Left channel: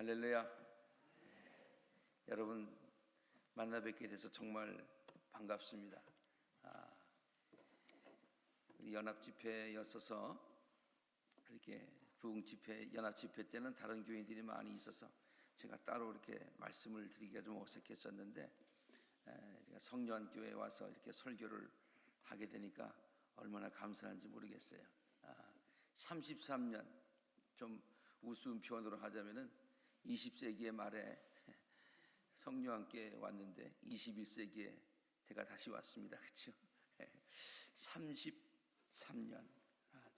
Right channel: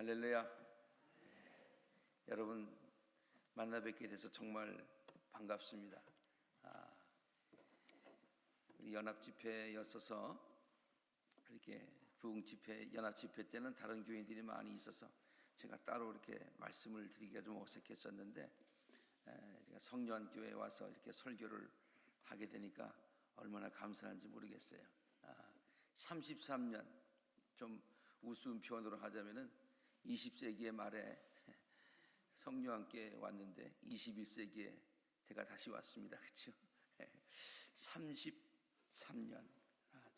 할렐루야. 여러분 만나 뵙게 돼서 정말 반갑습니다. 우리 연합집회였어서 이렇게 부흥집회, 연합집회 때는 다른 교인들이 많이 있어서 제가 따로 이렇게 말씀을 드리기가 좀 어색했었는데, 제가 성년교회에 와서 이렇게 설교를 하게 되니까 얼마나 감사한지 모르겠어요. 33년, 좀 우스운 표현으로 하자면은 20세기의 말에 성령함께 왔는데 21세기에 제가 다시 왔습니다. 그렇죠? 33년.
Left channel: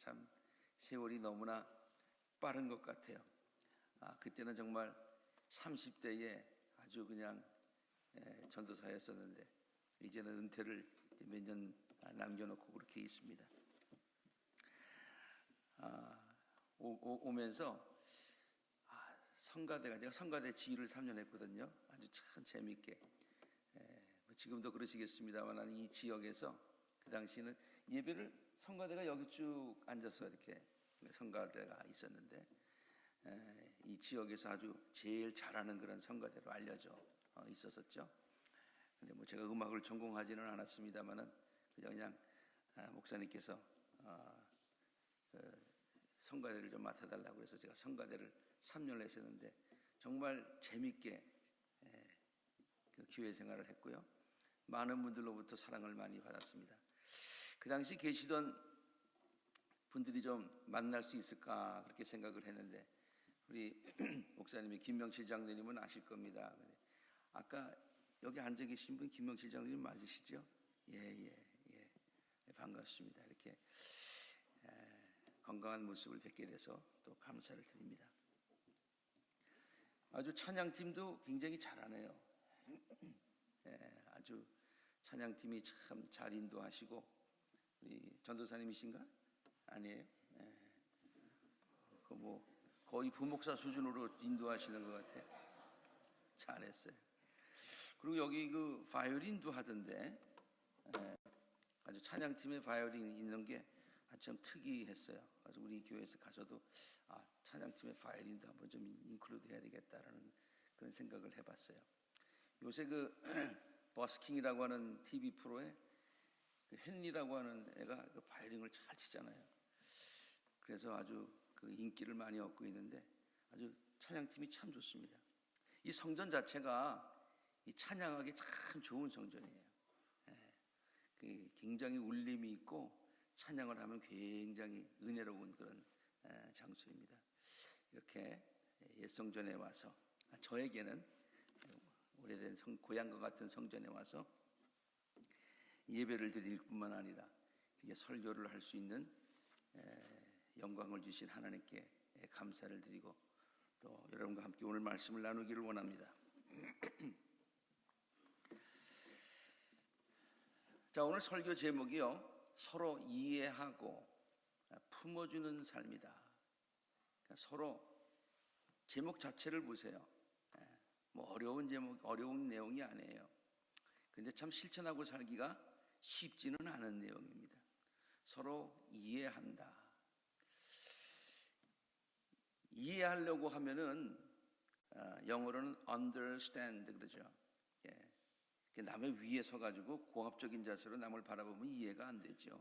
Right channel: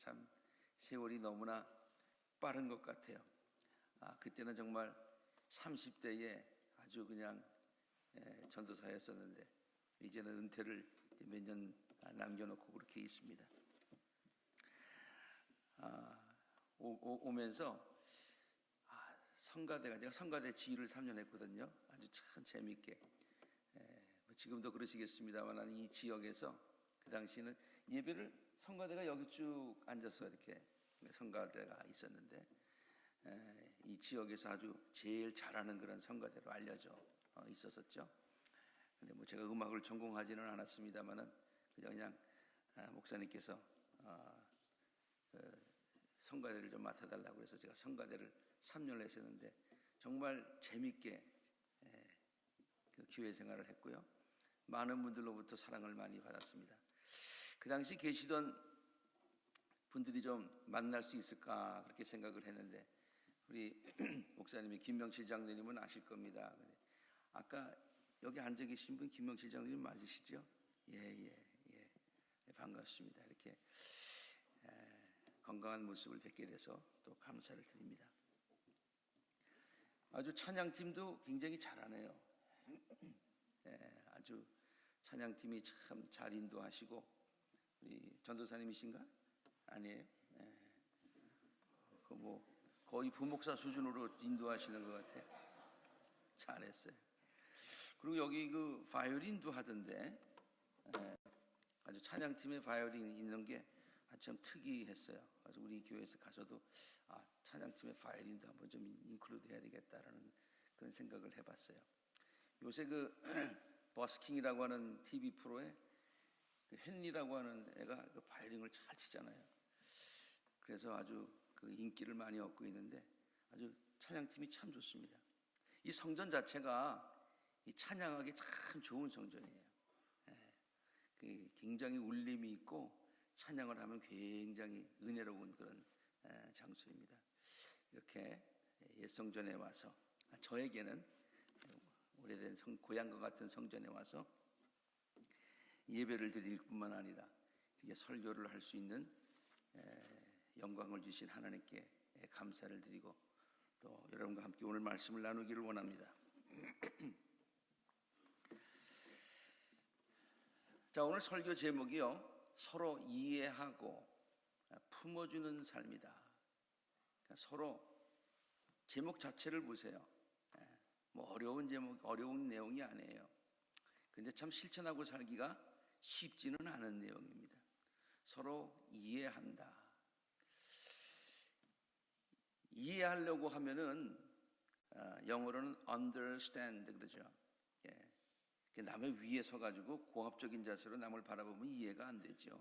참 세월이 너무나 빠른 것 같아요. 그때는 정말 30대에 아주 그냥 전도사였었는데 이제는 은퇴를 몇 년 남겨놓고 그렇게 있습니다. 오면서 성가대가, 제가 성가대 지휘를 3년 했거든요. 아주 참 재미있게. 지금도 그러시겠습니다만 이 지역에서 그 당시에는 예배를 성가대가 여기 쭉 앉아서 이렇게 성가대가 있었는데, 이 지역에서 아주 제일 잘하는 그런 성가대로 알려져 있었었죠. 근데 뭐 제가 음악을 전공하지는 않았습니다만은 그냥 목사님께서 성가대를 좀 맡아달라고 해서 제가 성가대를 3년을 했었는데 정말 재밌게 그 교회 생활을 했고요. 많은 분들로부터 사랑을 많이 받았습니다. 그 당시 계시던 분들이 좀 만날 수 있을까 그렇게 생각을 했는데, 우리 목사님이 김명실 장로님은 아실 겁니다. 아까 여기 앉아 계신 분 김명실 장로님 맞으시죠? 예. 반갑습니다. 이렇게 건강한 모습을 뵙게 돼서 또 감사를 드립니다. 아주 찬양팀도 굉장히 잘하네요. 아주 찬양팀이 참 잘 인도하시고, 우리 전도사님이신가? 아니에요. 거의 부목사 수준으로 인도하시는 것 같아요. 잘했어요. 그리고 여기 그 바이올린도 하던데, 아주 찬양팀에 바이올린이 있는 게 참 특이했어요. 그래서 우리 교회에서 가서도 찬양팀의 바이올린도 한번 좀 인클루드 해야 되겠다라는 그런 생각을 해봤어요. 요새 그 버스킹이라고 하는 TV 프로에 그 헨리라고 하는 애가 그 바이올린을 잘 치잖아요. 그래서 아주 그 인기를 많이 얻고 있는데 아주 찬양팀이 참 좋습니다. 이 성전 자체가 이 찬양하기 참 좋은 성전이에요. 그 굉장히 울림이 있고 찬양을 하면 굉장히 은혜로운 그런 장소입니다. 이렇게 옛성전에 와서, 저에게는 오래된 고향과 같은 성전에 와서 예배를 드릴 뿐만 아니라 이게 설교를 할 수 있는 영광을 주신 하나님께 감사를 드리고 또 여러분과 함께 오늘 말씀을 나누기를 원합니다. 자, 오늘 설교 제목이요, 서로 이해하고 품어주는 삶이다. 그러니까 서로, 제목 자체를 보세요. 뭐 어려운 제목, 어려운 내용이 아니에요. 그런데 참 실천하고 살기가 쉽지는 않은 내용입니다. 서로 이해한다. 이해하려고 하면은 영어로는 understand 그러죠. 남의 위에 서가지고 공합적인 자세로 남을 바라보면 이해가 안 되죠.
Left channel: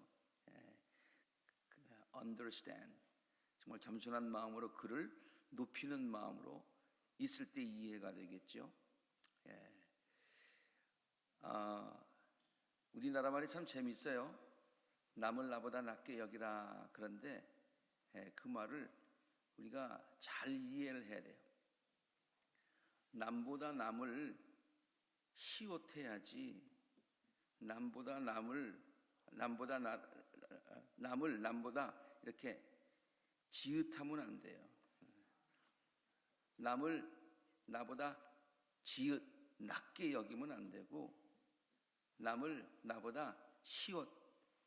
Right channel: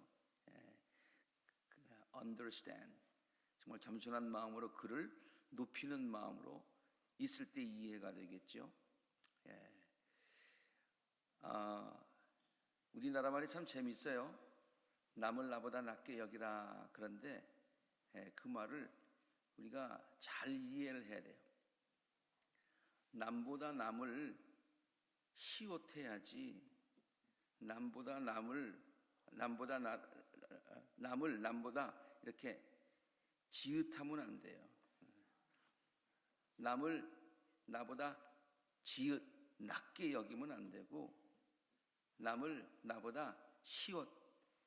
understand, 정말 겸손한 마음으로 그를 높이는 마음으로 있을 때 이해가 되겠죠. 우리나라 말이 참 재밌어요. 남을 나보다 낮게 여기라. 그런데 그 말을 우리가 잘 이해를 해야 돼요. 남보다 남을 시옷해야지 남보다 이렇게 지읒하면 안 돼요. 남을 나보다 낮게 여기면 안 되고 남을 나보다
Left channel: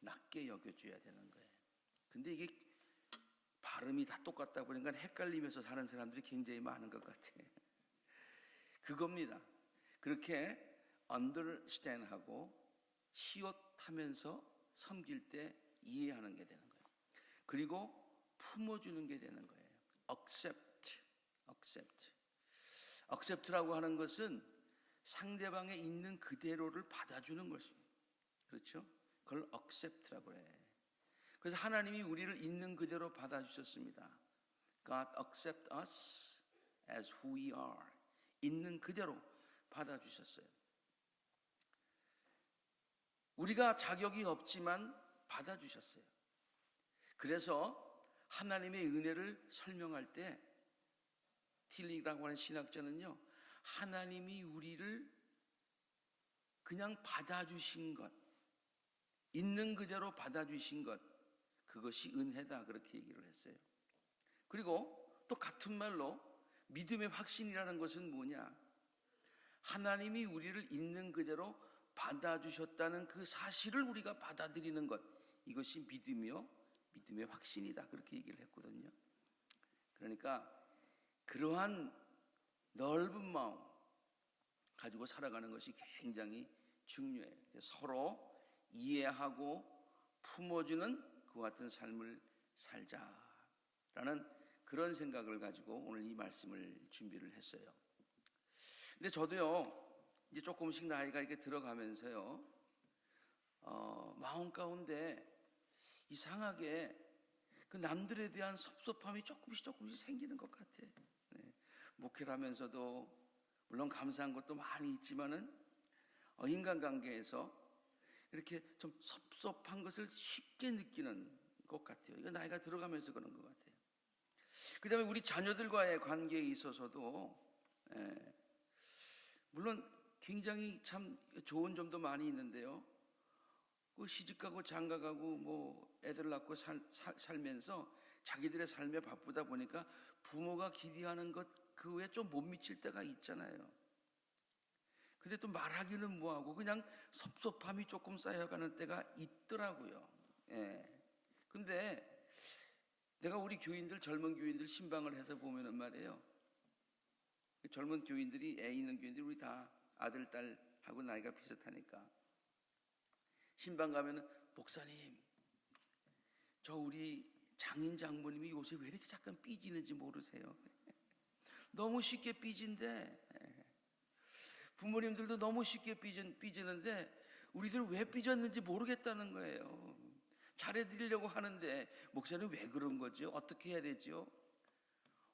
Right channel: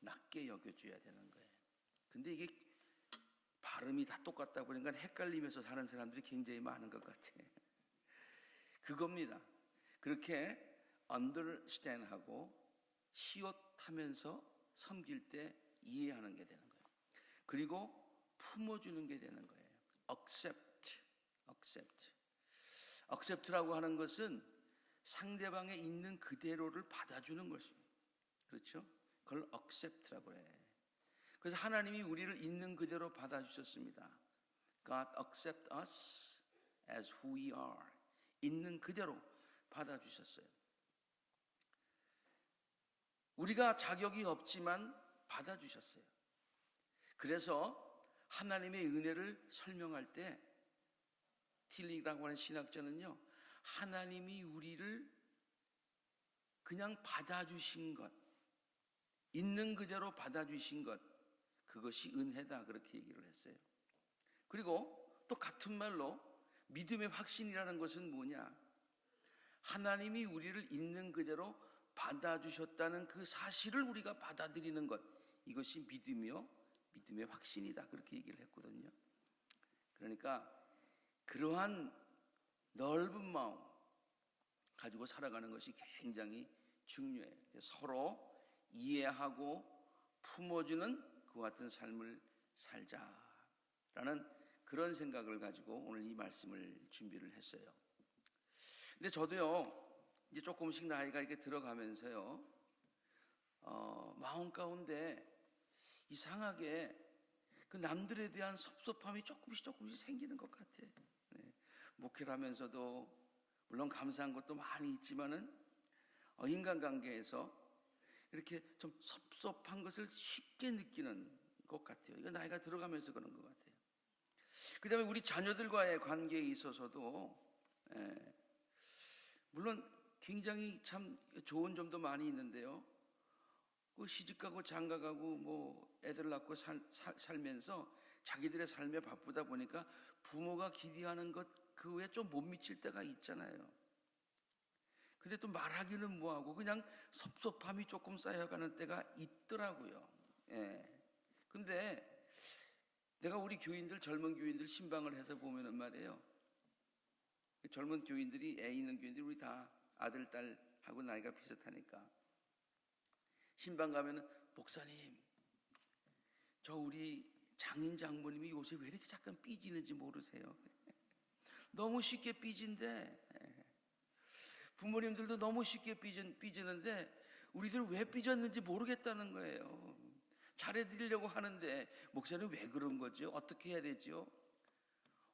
낮게 여겨줘야 되는 거예요. 근데 이게 발음이 다 똑같다 보니까 헷갈리면서 사는 사람들이 굉장히 많은 것 같아요. 그겁니다. 그렇게 understand하고 시옷하면서 섬길 때 이해하는 게 되는 거예요. 그리고 품어주는 게 되는 거예요. accept. accept라고 하는 것은 상대방의 있는 그대로를 받아주는 것입니다. 그렇죠? 그걸 accept라고 해. 그래서 하나님이 우리를 있는 그대로 받아주셨습니다. God accept us as who we are. 있는 그대로 받아주셨어요. 우리가 자격이 없지만 받아주셨어요. 그래서 하나님의 은혜를 설명할 때 틸리라고 하는 신학자는요, 하나님이 우리를 그냥 받아주신 것, 있는 그대로 받아주신 것, 그것이 은혜다, 그렇게 얘기를 했어요. 그리고 또 같은 말로 믿음의 확신이라는 것은 뭐냐? 하나님이 우리를 있는 그대로 받아주셨다는 그 사실을 우리가 받아들이는 것, 이것이 믿음이요, 믿음의 확신이다, 그렇게 얘기를 했거든요. 그러니까 그러한 넓은 마음 가지고 살아가는 것이 굉장히 중요해요. 서로 이해하고 품어주는 그 같은 삶을 살자라는 그런 생각을 가지고 오늘 이 말씀을 준비를 했어요. 근데 저도요, 이제 조금씩 나이가 이렇게 들어가면서요, 마음 가운데 이상하게 그 남들에 대한 섭섭함이 조금씩 생기는 것 같아요. 네. 목회를 하면서도 물론 감사한 것도 많이 있지만은 인간관계에서 이렇게 좀 섭섭한 것을 쉽게 느끼는 것 같아요. 이거 나이가 들어가면서 그런 것 같아요. 그 다음에 우리 자녀들과의 관계에 있어서도 물론 굉장히 참 좋은 점도 많이 있는데요. 그 시집가고 장가가고 뭐 애들 낳고 살면서 자기들의 삶에 바쁘다 보니까 부모가 기대하는 것 그 외에 좀 못 미칠 때가 있잖아요. 근데 또 말하기는 뭐하고 그냥 섭섭함이 조금 쌓여가는 때가 있더라고요. 근데 내가 우리 교인들, 젊은 교인들 신방을 해서 보면은 말이에요. 젊은 교인들이, 애 있는 교인들이 우리 다 아들, 딸하고 나이가 비슷하니까 신방 가면은 목사님, 저 우리 장인 장모님이 요새 왜 이렇게 잠깐 삐지는지 모르세요? 너무 쉽게 삐진데, 부모님들도 너무 쉽게 삐지는데 우리들은 왜 삐졌는지 모르겠다는 거예요. 잘해드리려고 하는데 목사님 왜 그런 거죠? 어떻게 해야 되죠?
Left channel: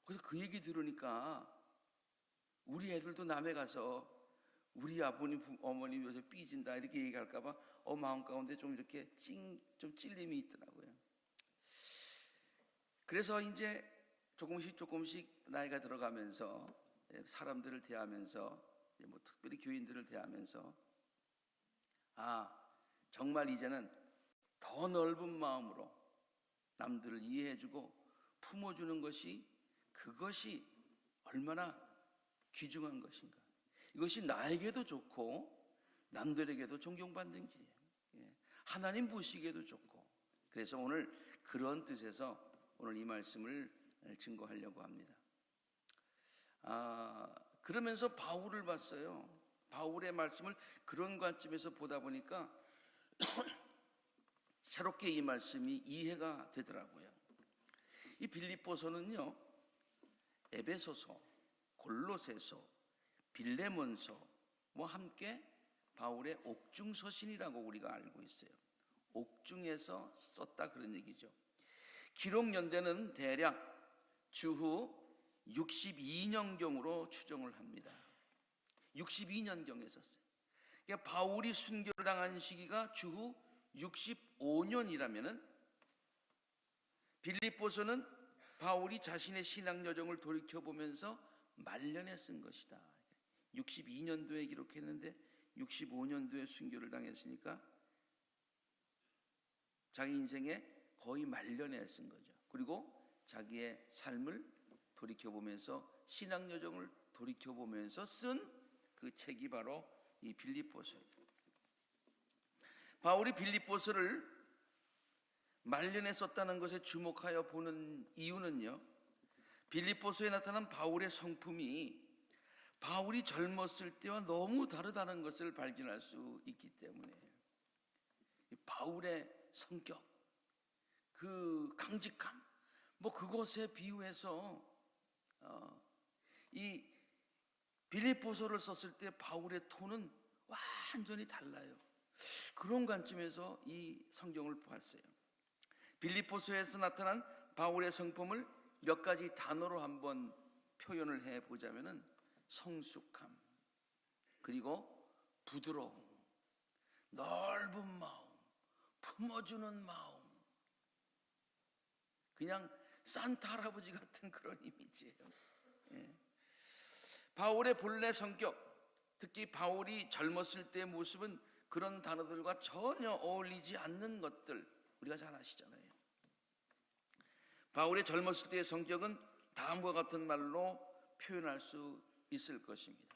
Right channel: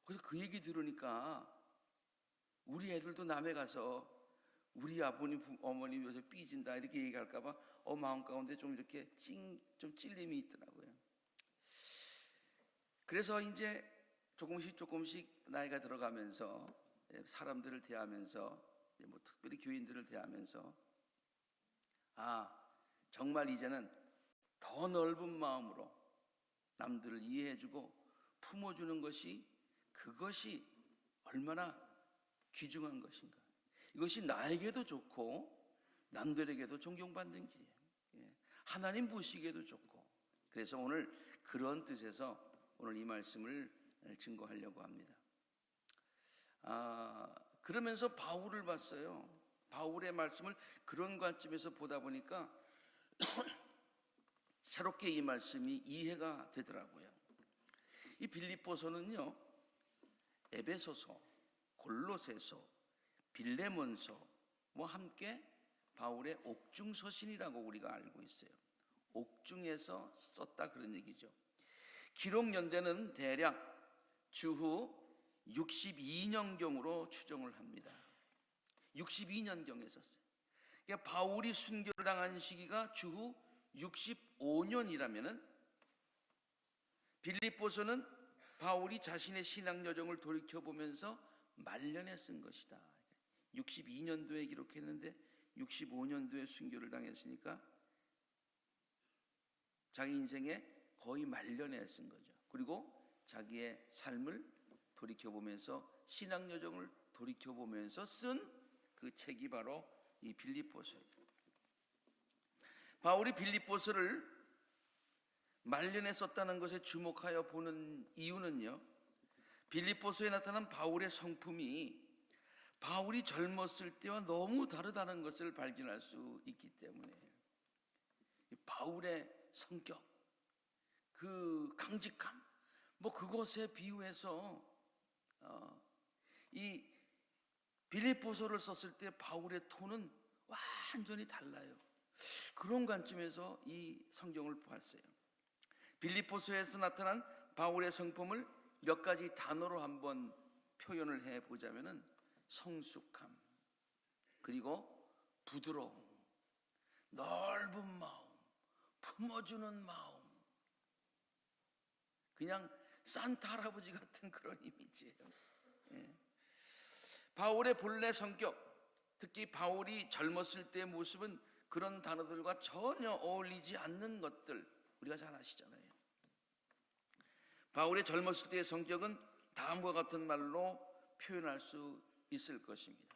그래서 그 얘기 들으니까 우리 애들도 남에 가서 우리 아버님, 어머님 요새 삐진다 이렇게 얘기할까봐 마음 가운데 좀 이렇게 좀 찔림이 있더라고요. 그래서 이제 조금씩 나이가 들어가면서 사람들을 대하면서 뭐 특별히 교인들을 대하면서 정말 이제는 더 넓은 마음으로 남들을 이해해주고 품어주는 것이 그것이 얼마나 귀중한 것인가. 이것이 나에게도 좋고 남들에게도 존경받는 길이에요. 하나님 보시기에도 좋고. 그래서 오늘 그런 뜻에서 오늘 이 말씀을 증거하려고 합니다. 그러면서 바울을 봤어요. 바울의 말씀을 그런 관점에서 보다 보니까 새롭게 이 말씀이 이해가 되더라고요. 이 빌립보서는요, 에베소서, 골로새서, 빌레몬서 뭐 함께 바울의 옥중서신이라고 우리가 알고 있어요. 옥중에서 썼다 그런 얘기죠. 기록 연대는 대략 주후 62년경으로 추정을 합니다. 62년경에 썼어요. 그러니까 바울이 순교를 당한 시기가 주후 65년이라면은 빌립보서는 바울이 자신의 신앙 여정을 돌이켜보면서 말년에 쓴 것이다. 62년도에 기록했는데 65년도에 순교를 당했으니까 자기 인생의 거의 말년에 쓴 거죠. 그리고 자기의 삶을 돌이켜보면서 신앙 여정을 돌이켜보면서 쓴 그 책이 바로 이 빌립보서예요. 바울이 빌립보서를 말년에 썼다는 것에 주목하여 보는 이유는요, 빌립보서에 나타난 바울의 성품이 바울이 젊었을 때와 너무 다르다는 것을 발견할 수 있기 때문에 바울의 성격, 그 강직함, 뭐 그것에 비유해서 이 빌립보서를 썼을 때 바울의 톤은 완전히 달라요. 그런 관점에서 이 성경을 보았어요. 빌립보서에서 나타난 바울의 성품을 몇 가지 단어로 한번 표현을 해보자면은 성숙함, 그리고 부드러움, 넓은 마음, 품어주는 마음, 그냥 산타 할아버지 같은 그런 이미지예요. 예. 바울의 본래 성격, 특히 바울이 젊었을 때의 모습은 그런 단어들과 전혀 어울리지 않는 것들 우리가 잘 아시잖아요. 바울의 젊었을 때의 성격은 다음과 같은 말로 표현할 수 있을 것입니다.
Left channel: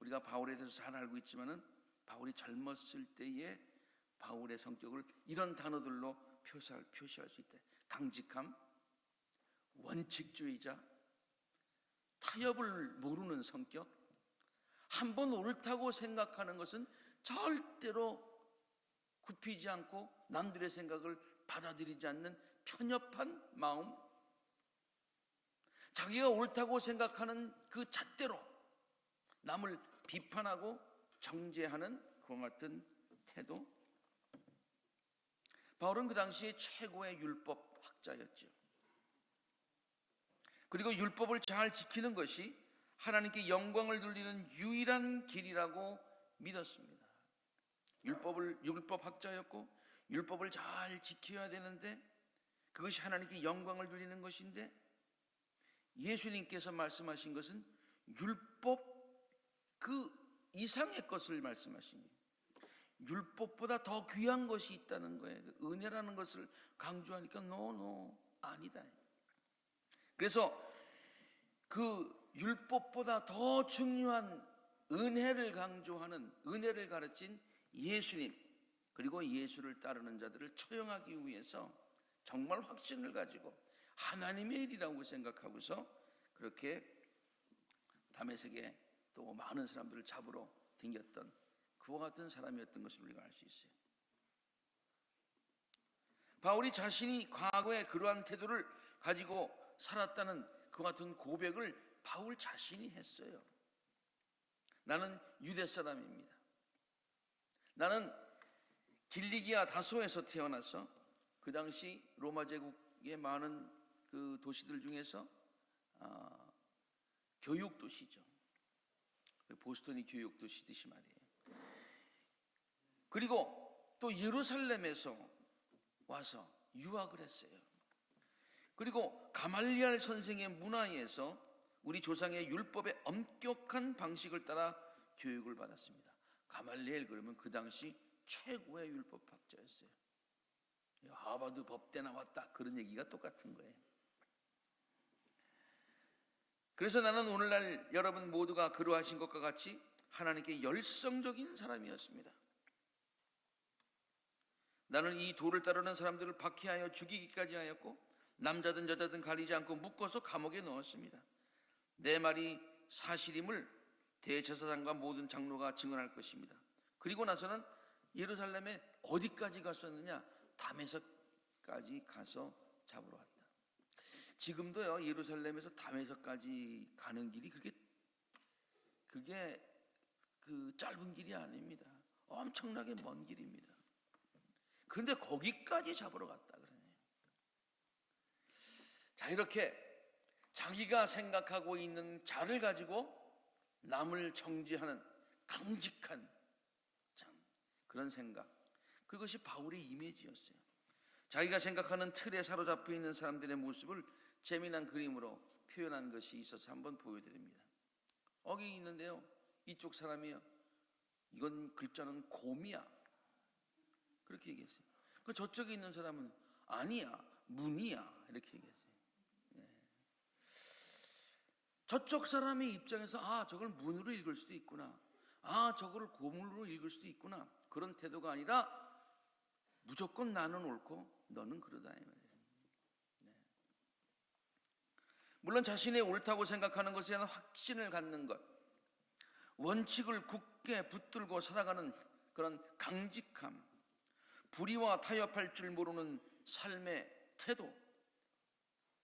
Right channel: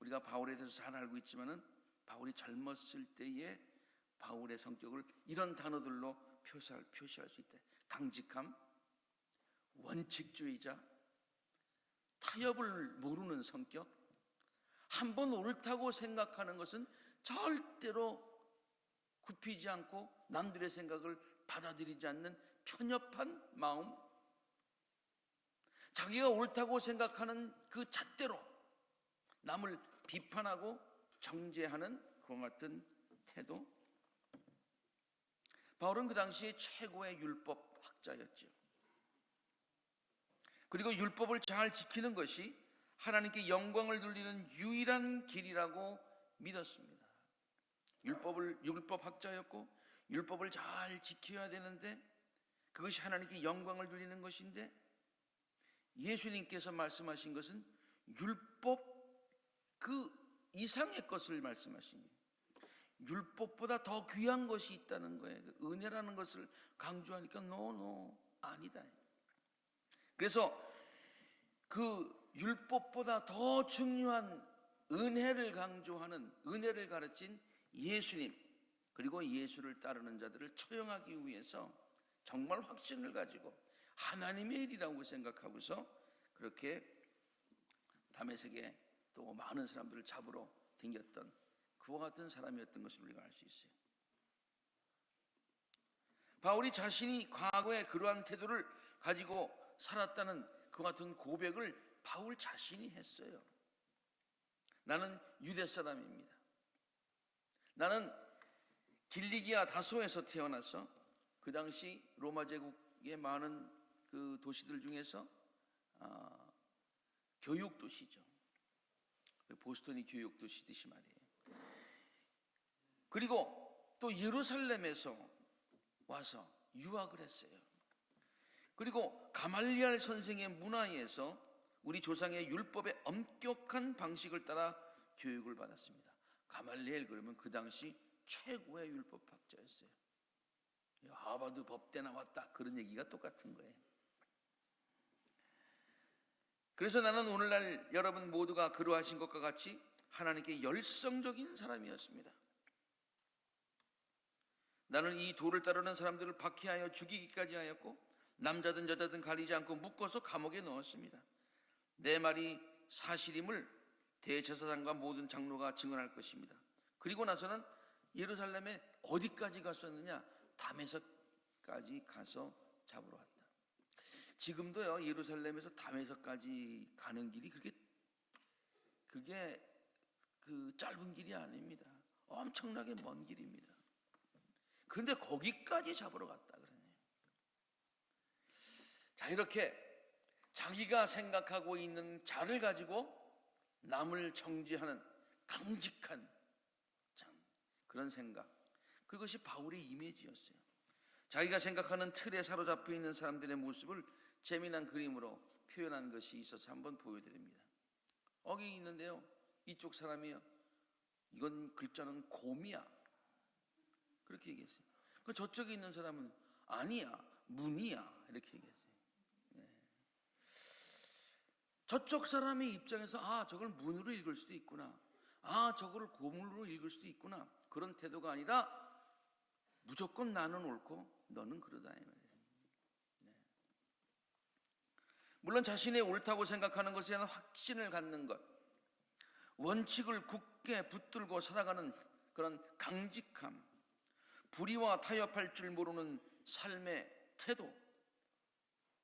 우리가 바울에 대해서 잘 알고 있지만은 바울이 젊었을 때의 바울의 성격을 이런 단어들로 표시할 수 있다. 강직함, 원칙주의자, 타협을 모르는 성격, 한번 옳다고 생각하는 것은 절대로 굽히지 않고 남들의 생각을 받아들이지 않는 편협한 마음, 자기가 옳다고 생각하는 그 잣대로 남을 비판하고 정죄하는 그와 같은 태도. 바울은 그 당시에 최고의 율법 학자였죠. 그리고 율법을 잘 지키는 것이 하나님께 영광을 돌리는 유일한 길이라고 믿었습니다. 율법 학자였고 율법을 잘 지켜야 되는데 그것이 하나님께 영광을 돌리는 것인데 예수님께서 말씀하신 것은 율법 그 이상의 것을 말씀하신 거예요. 율법보다 더 귀한 것이 있다는 거예요. 은혜라는 것을 강조하니까 아니다. 그래서 그 율법보다 더 중요한 은혜를 강조하는, 은혜를 가르친 예수님, 그리고 예수를 따르는 자들을 처형하기 위해서 정말 확신을 가지고 하나님의 일이라고 생각하고서 그렇게 다메섹에 또 많은 사람들을 잡으러 댕겼던 그와 같은 사람이었던 것을 우리가 알 수 있어요. 바울이 자신이 과거에 그러한 태도를 가지고 살았다는 그와 같은 고백을 바울 자신이 했어요. 나는 유대 사람입니다. 나는 길리기아 다소에서 태어나서 그 당시 로마 제국의 많은 그 도시들 중에서 교육 도시죠. 보스턴이 교육 도시듯이 말이에요. 그리고 또 예루살렘에서 와서 유학을 했어요. 그리고 가말리알 선생의 문화에서 우리 조상의 율법의 엄격한 방식을 따라 교육을 받았습니다. 가말리엘 그러면 그 당시 최고의 율법학자였어요. 하버드 법대 나왔다 그런 얘기가 똑같은 거예요. 그래서 나는 오늘날 여러분 모두가 그러하신 것과 같이 하나님께 열성적인 사람이었습니다. 나는 이 도를 따르는 사람들을 박해하여 죽이기까지 하였고 남자든 여자든 가리지 않고 묶어서 감옥에 넣었습니다. 내 말이 사실임을 대제사장과 모든 장로가 증언할 것입니다. 그리고 나서는 예루살렘에 어디까지 갔었느냐? 다메섹까지 가서 잡으러 왔다. 지금도요 예루살렘에서 다메섹까지 가는 길이 그게 그 짧은 길이 아닙니다. 엄청나게 먼 길입니다. 그런데 거기까지 잡으러 갔다 그러네요. 자, 이렇게 자기가 생각하고 있는 자를 가지고 남을 정죄하는 강직한 그런 생각, 그것이 바울의 이미지였어요. 자기가 생각하는 틀에 사로잡혀 있는 사람들의 모습을 재미난 그림으로 표현한 것이 있어서 한번 보여드립니다. 여기 있는데요, 이쪽 사람이요, 이건 글자는 곰이야 그렇게 얘기했어요. 그 저쪽에 있는 사람은 아니야, 문이야 이렇게 얘기했어요. 네. 저쪽 사람의 입장에서 저걸 문으로 읽을 수도 있구나, 저걸 곰으로 읽을 수도 있구나, 그런 태도가 아니라 무조건 나는 옳고 너는 그러다 이 말이에요. 네. 물론 자신의 옳다고 생각하는 것에 대한 확신을 갖는 것, 원칙을 굳게 붙들고 살아가는 그런 강직함, 불의와 타협할 줄 모르는 삶의 태도,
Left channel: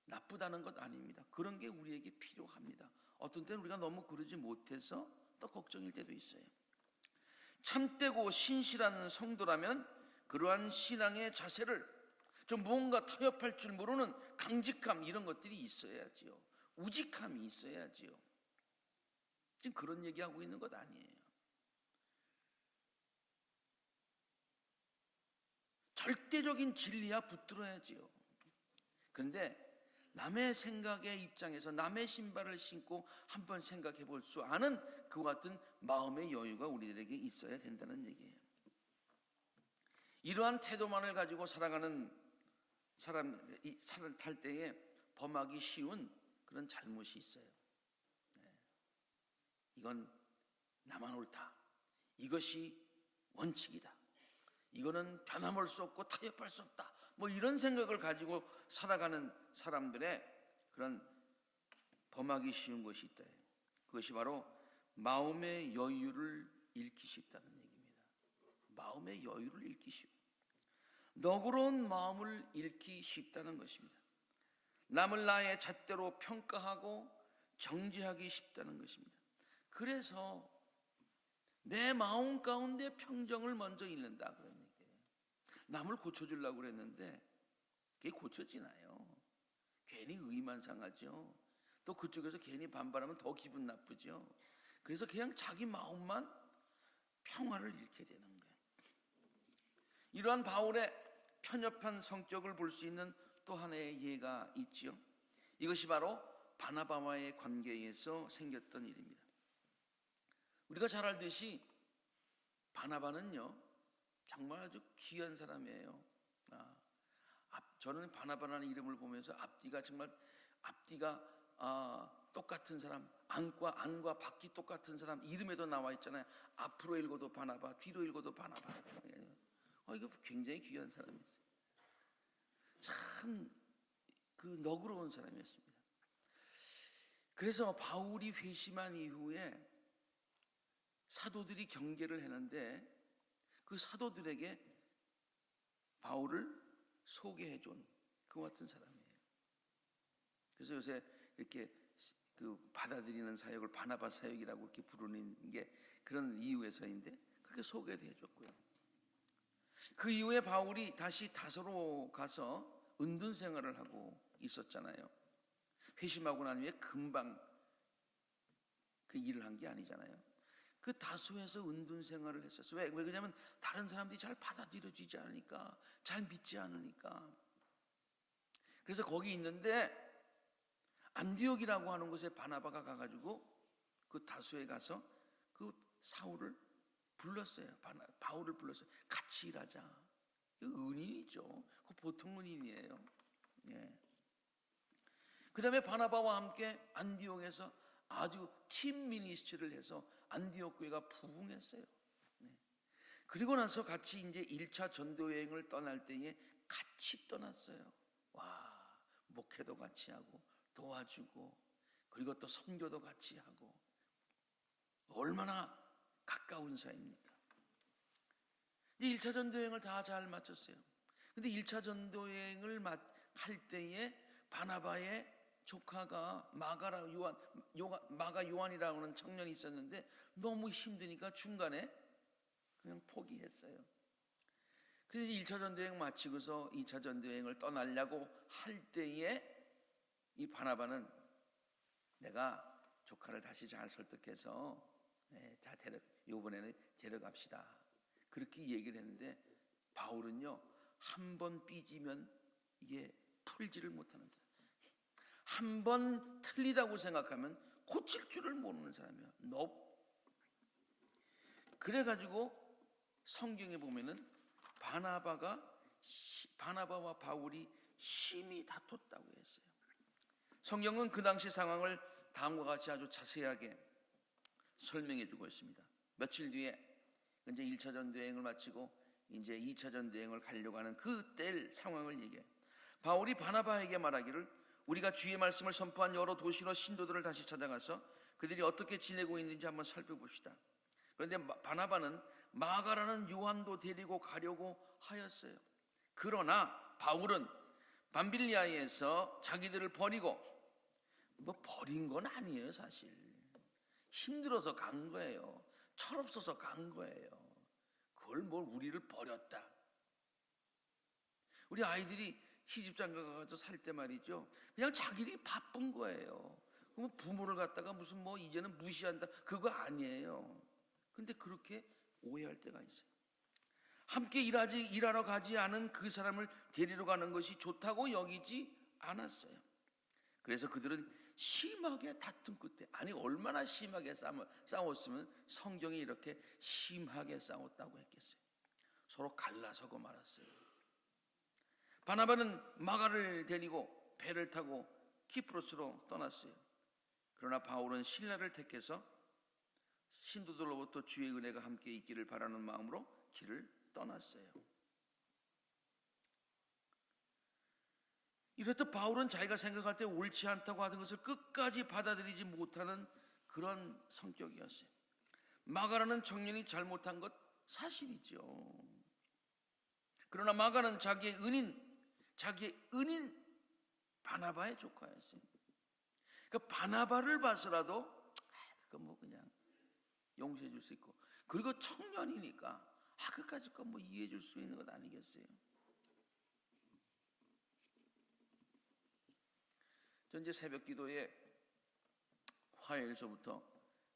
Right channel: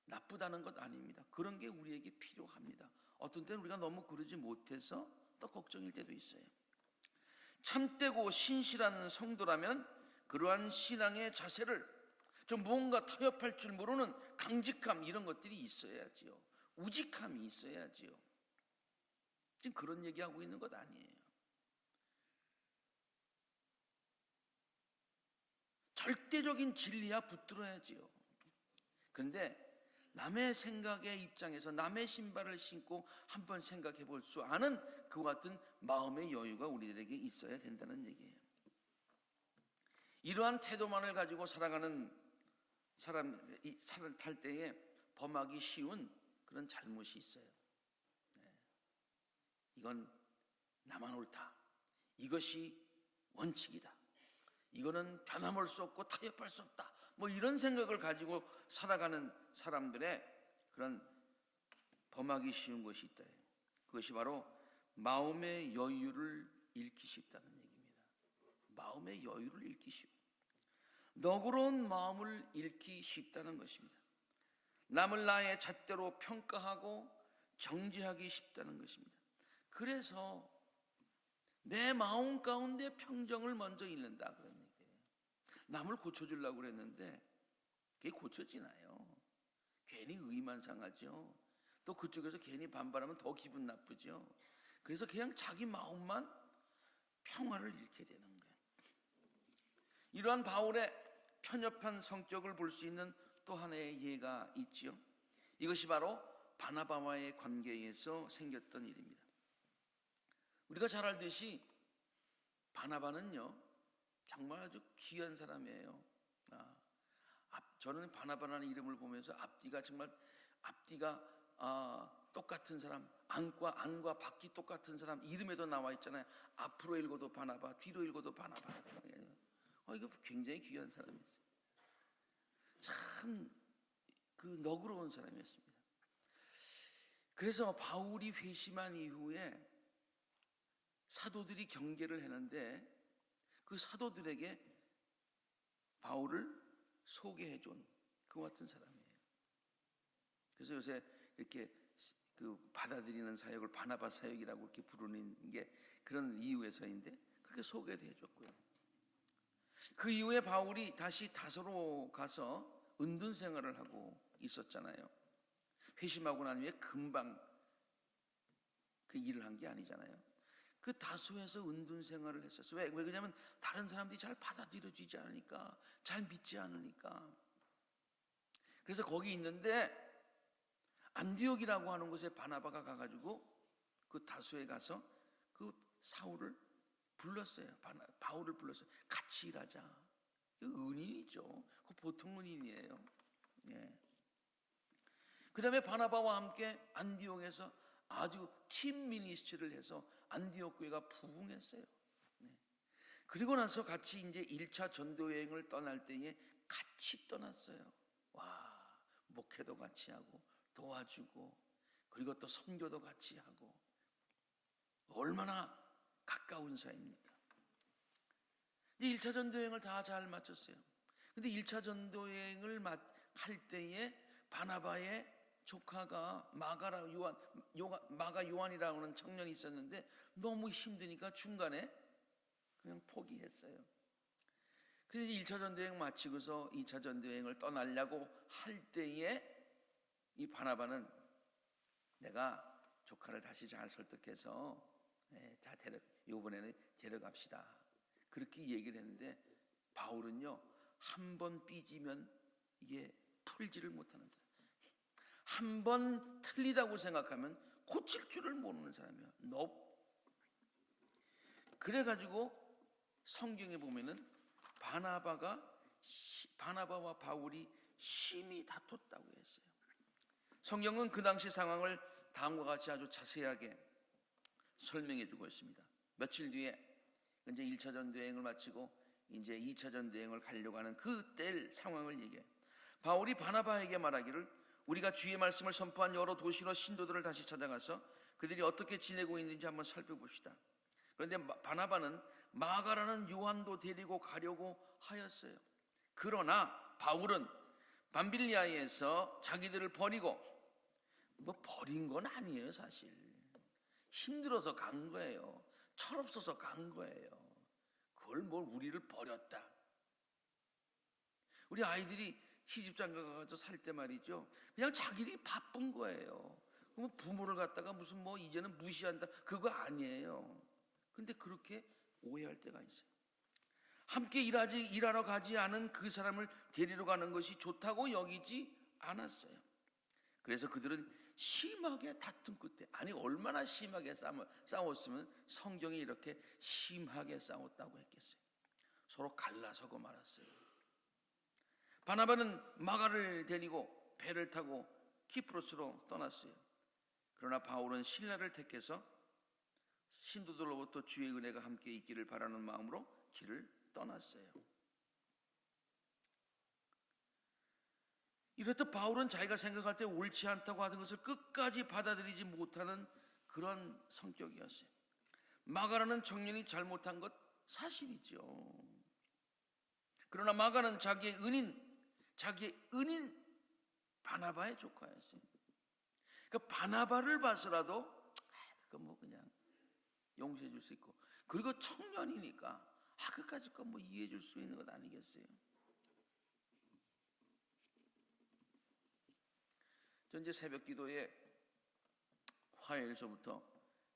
나쁘다는 것 아닙니다. 그런 게 우리에게 필요합니다. 어떤 때는 우리가 너무 그러지 못해서 또 걱정일 때도 있어요. 참되고 신실한 성도라면 그러한 신앙의 자세를 좀 뭔가 타협할 줄 모르는 강직함, 이런 것들이 있어야지요. 우직함이 있어야지요. 지금 그런 얘기하고 있는 것 아니에요. 절대적인 진리야 붙들어야지요. 그런데 남의 생각의 입장에서 남의 신발을 신고 한번 생각해 볼 수 아는 그와 같은 마음의 여유가 우리들에게 있어야 된다는 얘기예요. 이러한 태도만을 가지고 살아가는 사람 탈 때에 범하기 쉬운 그런 잘못이 있어요. 이건 나만 옳다. 이것이 원칙이다. 이거는 변함할 수 없고 타협할 수 없다. 뭐 이런 생각을 가지고 살아가는 사람들의 그런 범하기 쉬운 것이 있다. 그것이 바로 마음의 여유를 잃기 쉽다는 얘기입니다. 마음의 여유를 잃기 쉽. 너그러운 마음을 잃기 쉽다는 것입니다. 남을 나의 잣대로 평가하고 정죄하기 쉽다는 것입니다. 그래서 내 마음 가운데 평정을 먼저 잃는다 그런 얘기예요. 남을 고쳐주려고 그랬는데 그게 고쳐지나요? 괜히 의만 상하죠. 또 그쪽에서 괜히 반발하면 더 기분 나쁘죠. 그래서 그냥 자기 마음만 평화를 잃게 되는 거예요. 이러한 바울의 편협한 성격을 볼 수 있는 또 하나의 예가 있지요. 이것이 바로 바나바와의 관계에서 생겼던 일입니다. 우리가 잘 알듯이 바나바는요 정말 아주 귀한 사람이에요. 저는 바나바라는 이름을 보면서 앞뒤가 똑같은 사람, 안과 밖이 똑같은 사람, 이름에도 나와 있잖아요. 앞으로 읽어도 바나바, 뒤로 읽어도 바나바. 이거 굉장히 귀한 사람이었어요. 참 그 너그러운 사람이었습니다. 그래서 바울이 회심한 이후에 사도들이 경계를 했는데 그 사도들에게 바울을 소개해준 그와 같은 사람이에요. 그래서 요새 이렇게 그 받아들이는 사역을 바나바 사역이라고 이렇게 부르는 게 그런 이유에서인데 그렇게 소개도 해줬고요. 그 이후에 바울이 다시 다소로 가서 은둔 생활을 하고 있었잖아요. 회심하고 난 후에 금방 그 일을 한 게 아니잖아요. 그 다소에서 은둔 생활을 했었어요. 왜 그러냐면 다른 사람들이 잘 받아들여지지 않으니까, 잘 믿지 않으니까. 그래서 거기 있는데 안디옥이라고 하는 곳에 바나바가 가가지고 그 다소에 가서 그 사울을 불렀어요. 바울을 불렀어요. 같이 일하자. 은인이죠. 그 보통 은인이에요. 예. 그 다음에 바나바와 함께 안디옥에서 아주 팀 미니스트리를 해서 안디옥 교회가 부흥했어요. 그리고 나서 같이 이제 1차 전도 여행을 떠날 때에 같이 떠났어요. 와, 목회도 같이 하고 도와주고 그리고 또 선교도 같이 하고 얼마나 가까운 사이입니까? 1차 전도 여행을 다 잘 마쳤어요. 근데 1차 전도 여행을 할 때에 바나바의 조카가 마가 요한이라고 하는 청년이 있었는데 너무 힘드니까 중간에 그냥 포기했어요. 그래서 1차 전도여행 마치고서 2차 전도여행을 떠나려고 할 때에 이 바나바는 내가 조카를 다시 잘 설득해서 자 이번에는 데려갑시다. 그렇게 얘기를 했는데 바울은요 한 번 삐지면 이게 풀지를 못하는 사람. 한 번 틀리다고 생각하면 고칠 줄을 모르는 사람이야. 그래가지고 성경에 보면은 바나바와 바울이 심히 다퉜다고 했어요. 성경은 그 당시 상황을 다음과 같이 아주 자세하게 설명해 주고 있습니다. 며칠 뒤에 이제 1차 전도여행을 마치고 이제 2차 전도여행을 가려고 하는 그때 상황을 얘기해요. 바울이 바나바에게 말하기를 우리가 주의 말씀을 선포한 여러 도시로 신도들을 다시 찾아가서 그들이 어떻게 지내고 있는지 한번 살펴봅시다. 그런데 바나바는 마가라는 요한도 데리고 가려고 하였어요. 그러나 바울은 밤빌리아에서 자기들을 버리고 뭐 버린 건 아니에요, 사실. 힘들어서 간 거예요. 철없어서 간 거예요. 그걸 뭘 우리를 버렸다. 우리 아이들이 시집장가 가서 살 때 말이죠. 그냥 자기들이 바쁜 거예요. 그럼 부모를 갖다가 무슨 뭐 이제는 무시한다. 그거 아니에요. 근데 그렇게 오해할 때가 있어요. 함께 일하러 가지 않은 그 사람을 데리러 가는 것이 좋다고 여기지 않았어요. 그래서 그들은 심하게 다툼 끝에, 아니 얼마나 심하게 싸웠으면 성경이 이렇게 심하게 싸웠다고 했겠어요. 서로 갈라서고 말았어요. 바나바는 마가를 데리고 배를 타고 키프로스로 떠났어요. 그러나 바울은 실라를 택해서 신도들로부터 주의 은혜가 함께 있기를 바라는 마음으로 길을 떠났어요. 이랬던 바울은 자기가 생각할 때 옳지 않다고 하는 것을 끝까지 받아들이지 못하는 그런 성격이었어요. 마가라는 청년이 잘못한 것 사실이죠. 그러나 마가는 자기의 은인 바나바의 조카였어요. 그 바나바를 봐서라도 뭐 그냥 용서해 줄 수 있고, 그리고 청년이니까 끝까지 뭐 이해해 줄 수 있는 것 아니겠어요? 현재 새벽 기도에 화요일서부터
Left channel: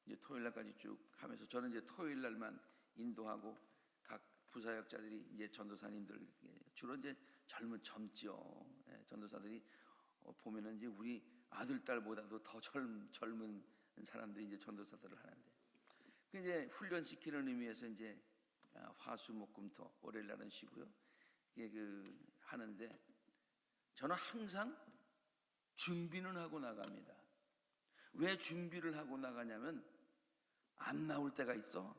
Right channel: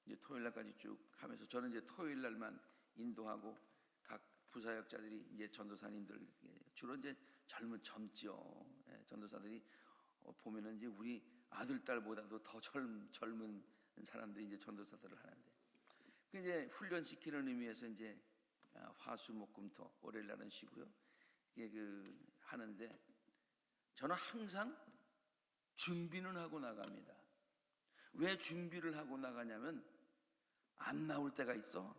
이제 토요일 날까지 쭉 하면서 저는 이제 토요일 날만 인도하고 각 부사역자들이 이제 전도사님들 주로 이제 젊죠. 전도사들이 보면은 이제 우리 아들 딸보다도 더 젊은 사람들이 이제 전도사들을 하는데, 그 이제 훈련시키는 의미에서 이제 화수목금토 월요일 날은 쉬고요. 이게 하는데 저는 항상 준비는 하고 나갑니다. 왜 준비를 하고 나가냐면 안 나올 때가 있어.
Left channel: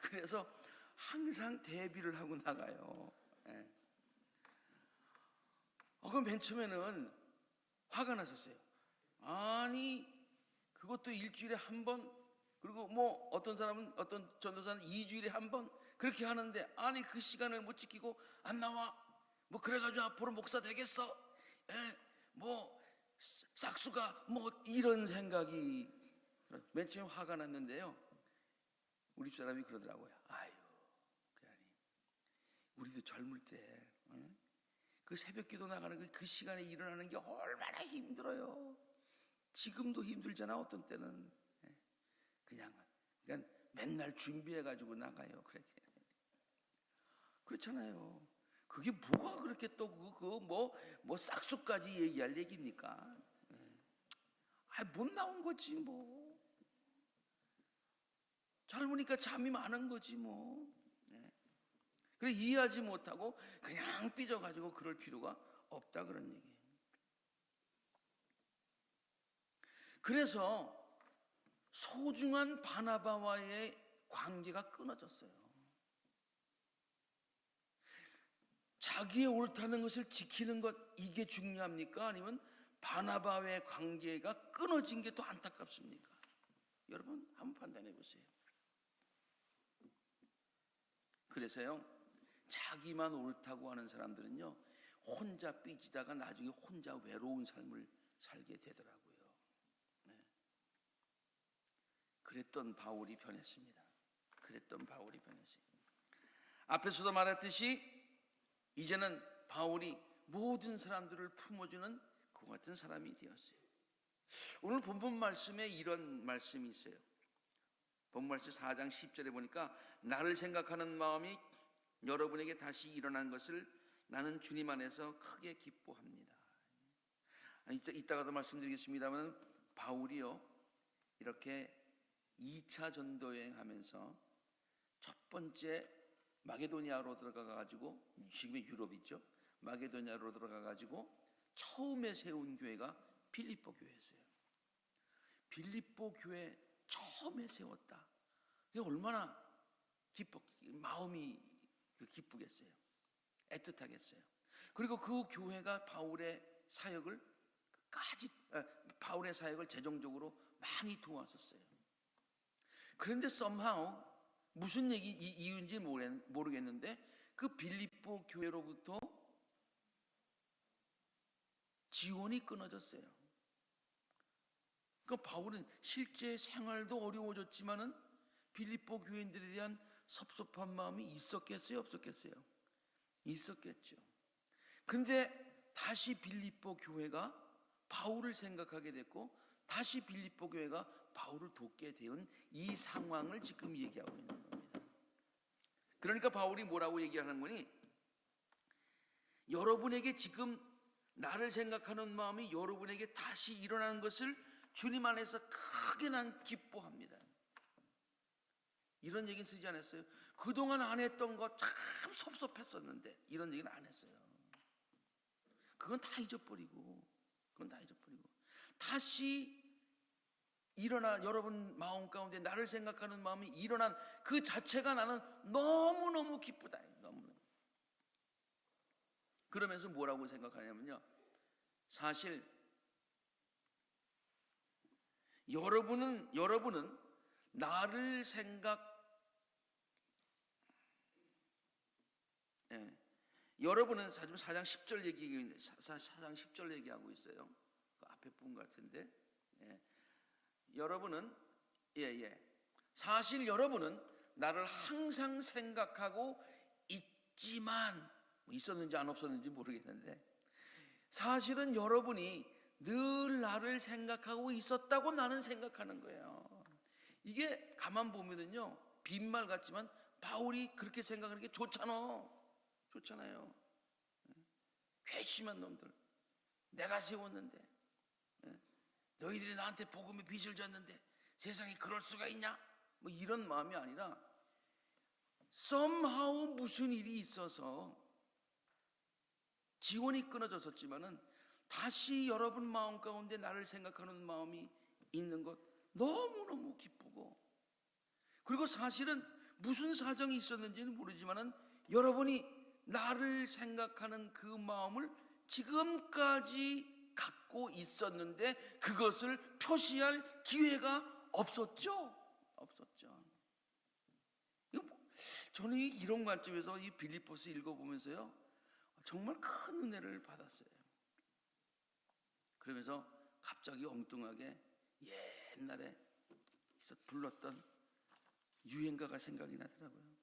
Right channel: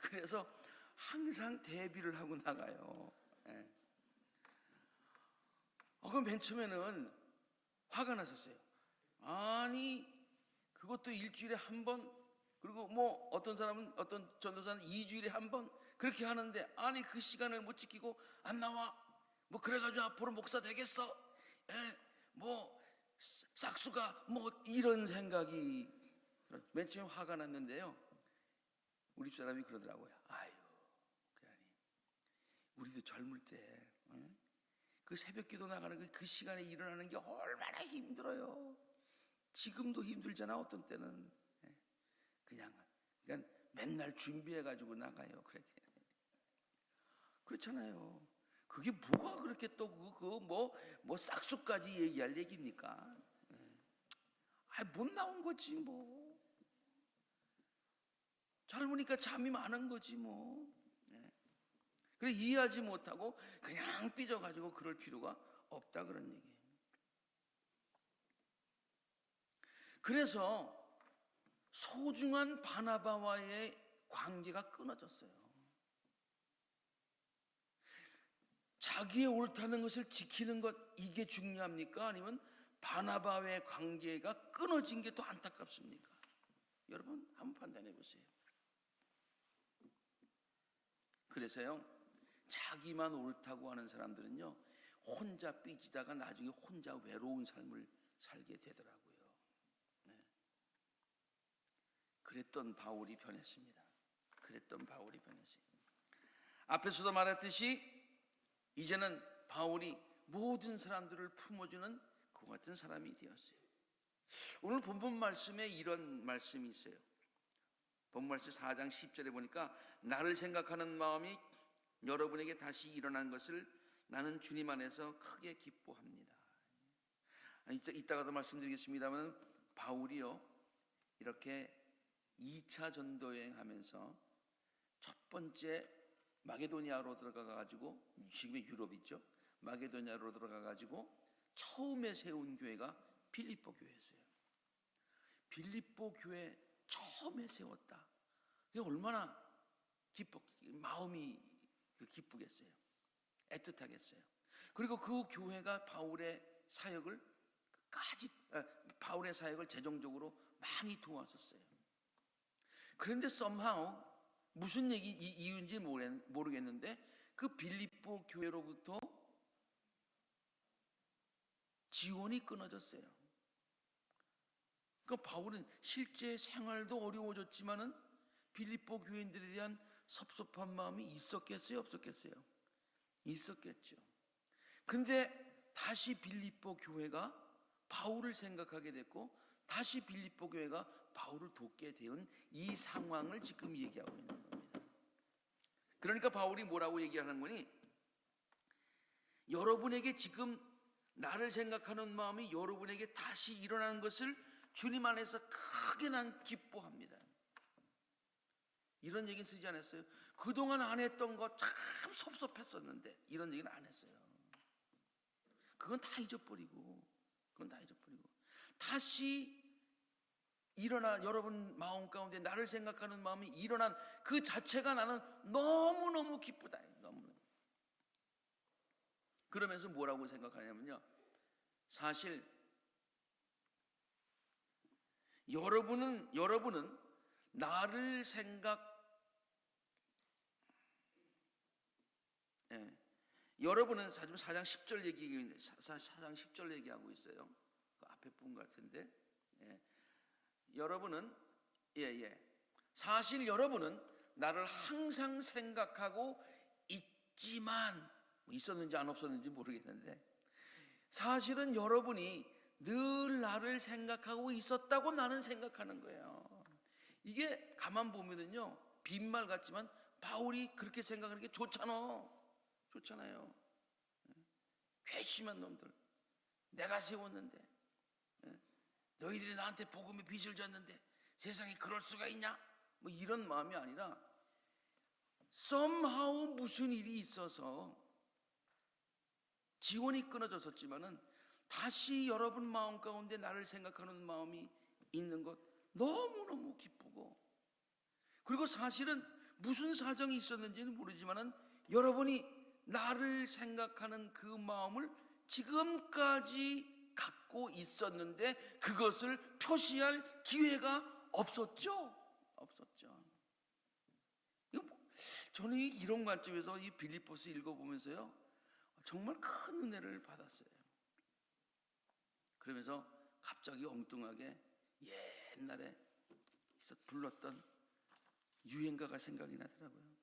그래서 항상 대비를 하고 나가요. 그럼 맨 처음에는 화가 났었어요. 아니 그것도 일주일에 한 번, 그리고 뭐 어떤 전도사는 2주일에 한 번 그렇게 하는데, 아니 그 시간을 못 지키고 안 나와. 뭐 그래가지고 앞으로 목사 되겠어? 뭐 싹수가 뭐 이런 생각이 맨 처음 화가 났는데요. 우리 사람이 그러더라고요. 아유, 우리도 젊을 때 그 새벽기도 나가는 그 시간에 일어나는 게 얼마나 힘들어요. 지금도 힘들잖아. 어떤 때는 그냥 맨날 준비해가지고 나가요. 그렇잖아요. 그게 뭐가 그렇게 또 뭐 싹수까지 얘기할 얘기입니까? 못 나온 거지 뭐. 젊으니까 잠이 많은 거지 뭐. 그래 이해하지 못하고 그냥 삐져가지고 그럴 필요가 없다 그런 얘기예요. 그래서 소중한 바나바와의 관계가 끊어졌어요. 자기의 옳다는 것을 지키는 것, 이게 중요합니까? 아니면 바나바와의 관계가 끊어진 게 더 안타깝습니까? 여러분 한번 판단해 보세요. 그래서요, 자기만 옳다고 하는 사람들은요 혼자 삐지다가 나중에 혼자 외로운 삶을 살게 되더라고요. 그랬던 바울이 변했습니다. 앞에서도 말했듯이 이제는 바울이 모든 사람들을 품어주는 그 같은 사람이 되었어요. 오늘 본문 말씀에 이런 말씀이 있어요. 본문 말씀 4장 10절에 보니까 나를 생각하는 마음이 여러분에게 다시 일어난 것을 나는 주님 안에서 크게 기뻐합니다. 이따가도 말씀드리겠습니다만 바울이요 이렇게 2차 전도여행 하면서 첫 번째 마게도니아로 들어가가지고, 지금의 유럽이죠. 마게도니아로 들어가가지고 처음에 세운 교회가 빌립보 교회였어요. 빌립보 교회 처음에 세웠다. 그게 얼마나 마음이 기쁘겠어요. 애틋하겠어요. 그리고 그 교회가 바울의 사역을 재정적으로 많이 도왔었어요. 그런데 somehow 무슨 이유인지 모르겠는데 그 빌립보 교회로부터 지원이 끊어졌어요. 그러니까 바울은 실제 생활도 어려워졌지만은 빌립보 교인들에 대한 섭섭한 마음이 있었겠어요, 없었겠어요? 있었겠죠. 그런데 다시 빌립보 교회가 바울을 생각하게 됐고 다시 빌립보 교회가 바울을 돕게 된 이 상황을 지금 얘기하고 있는 겁니다. 그러니까 바울이 뭐라고 얘기하는 거니? 여러분에게 지금 나를 생각하는 마음이 여러분에게 다시 일어나는 것을 주님 안에서 크게 난 기뻐합니다. 이런 얘기는 쓰지 않았어요. 그동안 안 했던 거 참 섭섭했었는데 이런 얘기는 안 했어요. 그건 다 잊어버리고 다시 일어나 여러분 마음 가운데 나를 생각하는 마음이 일어난 그 자체가 나는 너무너무 기쁘다. 너무너무. 그러면서 뭐라고 생각하냐면요. 사실 여러분은 나를 여러분은 지금 4장 10절 얘기하고 있어요. 그 앞에 분 같은데. 여러분은 사실 여러분은 나를 항상 생각하고 있지만 있었는지 안 없었는지 모르겠는데 사실은 여러분이 늘 나를 생각하고 있었다고 나는 생각하는 거예요. 이게 가만 보면은요 빈말 같지만 바울이 그렇게 생각하는 게 좋잖아요. 괘씸한 놈들 내가 세웠는데 너희들이 나한테 복음의 빚을 졌는데 세상에 그럴 수가 있냐? 뭐 이런 마음이 아니라 somehow 무슨 일이 있어서 지원이 끊어졌었지만은 다시 여러분 마음 가운데 나를 생각하는 마음이 있는 것 너무너무 기쁘고 그리고 사실은 무슨 사정이 있었는지는 모르지만은 여러분이 나를 생각하는 그 마음을 지금까지 갖고 있었는데 그것을 표시할 기회가 없었죠. 저는 이런 관점에서 이 빌립보서 읽어보면서요 정말 큰 은혜를 받았어요. 그러면서 갑자기 엉뚱하게 옛날에 불렀던 유행가가 생각이 나더라고요.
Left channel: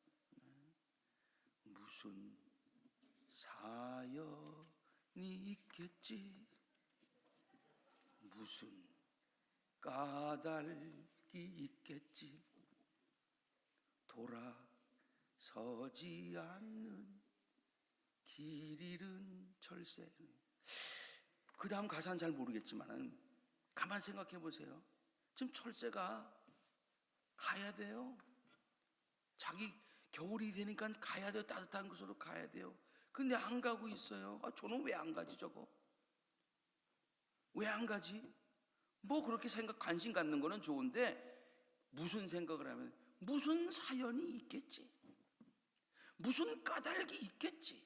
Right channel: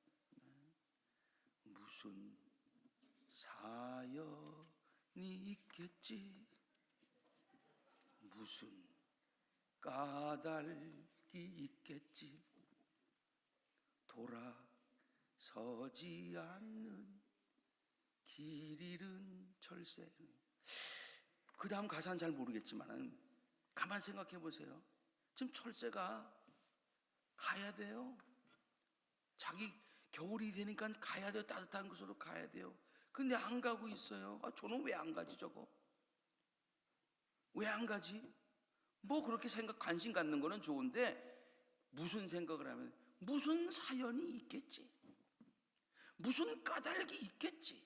무슨 사연이 있겠지, 무슨 까닭이 있겠지, 돌아서지 않는 길 잃은 철새. 그 다음 가사는 잘 모르겠지만 가만 생각해 보세요. 지금 철새가 가야 돼요. 자기 겨울이 되니까 가야 돼요. 따뜻한 곳으로 가야 돼요. 근데 안 가고 있어요. 저는 왜 안 가지 저거? 왜 안 가지? 뭐 그렇게 관심 갖는 거는 좋은데 무슨 생각을 하면 무슨 사연이 있겠지. 무슨 까닭이 있겠지.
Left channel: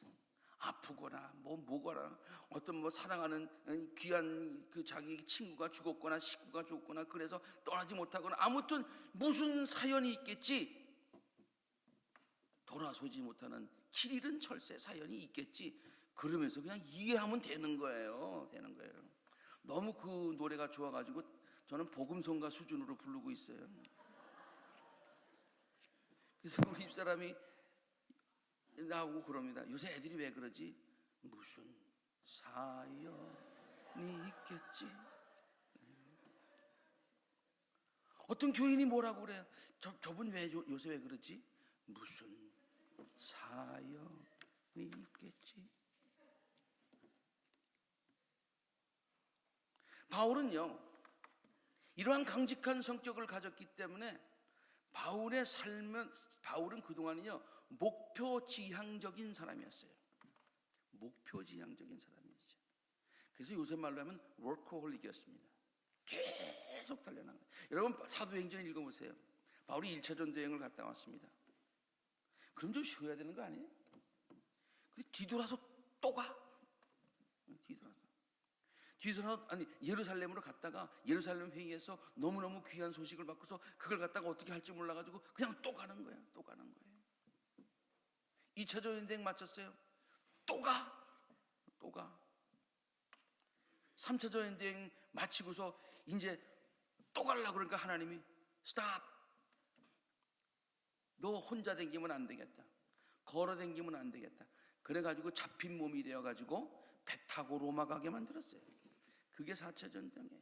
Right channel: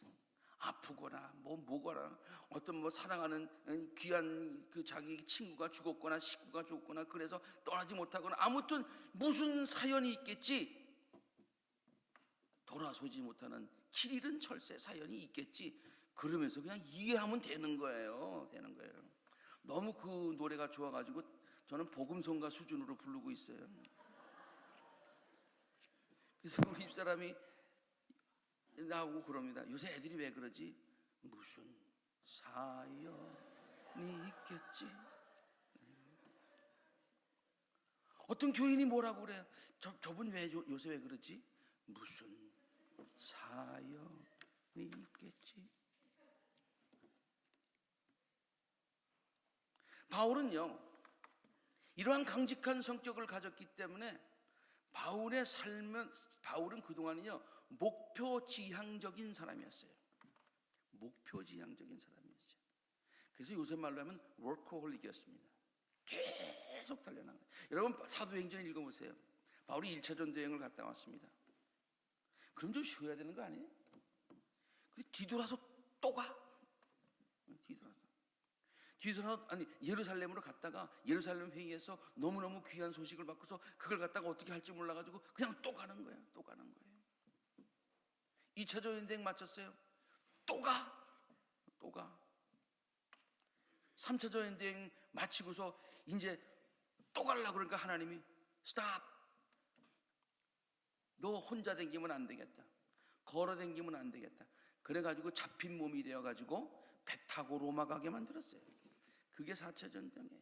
아프거나 뭐거나 어떤 사랑하는 귀한 그 자기 친구가 죽었거나 식구가 죽었거나 그래서 떠나지 못하거나 아무튼 무슨 사연이 있겠지. 돌아서지 못하는 길 잃은 철새 사연이 있겠지. 그러면서 그냥 이해하면 되는 거예요. 너무 그 노래가 좋아가지고 저는 복음성가 수준으로 부르고 있어요. 그래서 우리 집사람이 나오고 그럽니다. 요새 애들이 왜 그러지? 무슨 사연이 있겠지. 어떤 교인이 뭐라고 그래? 저분 왜 요새 왜 그러지? 무슨 사연이 있겠지. 바울은요 이러한 강직한 성격을 가졌기 때문에 바울은 그동안은요 목표지향적인 사람이었어요. 그래서 요새 말로 하면 워커홀릭이었습니다. 계속 달려나가요. 여러분 사도행전 읽어보세요. 바울이 1차 전도여행을 갔다 왔습니다. 그럼 좀 쉬어야 되는 거 아니에요? 뒤돌아서 또 가. 뒤돌아서 예루살렘으로 갔다가 예루살렘 회의에서 너무너무 귀한 소식을 받고서 그걸 갖다가 어떻게 할지 몰라가지고 그냥 또 가는 거예요. 2차 전도여행 마쳤어요. 또 가. 3차 전쟁 마치고서 이제 또 가려고 그러니까 하나님이 스탑! 너 혼자 댕기면 안 되겠다. 걸어 댕기면 안 되겠다. 그래가지고 잡힌 몸이 되어가지고 배 타고 로마 가게 만들었어요. 그게 4차 전쟁이에요.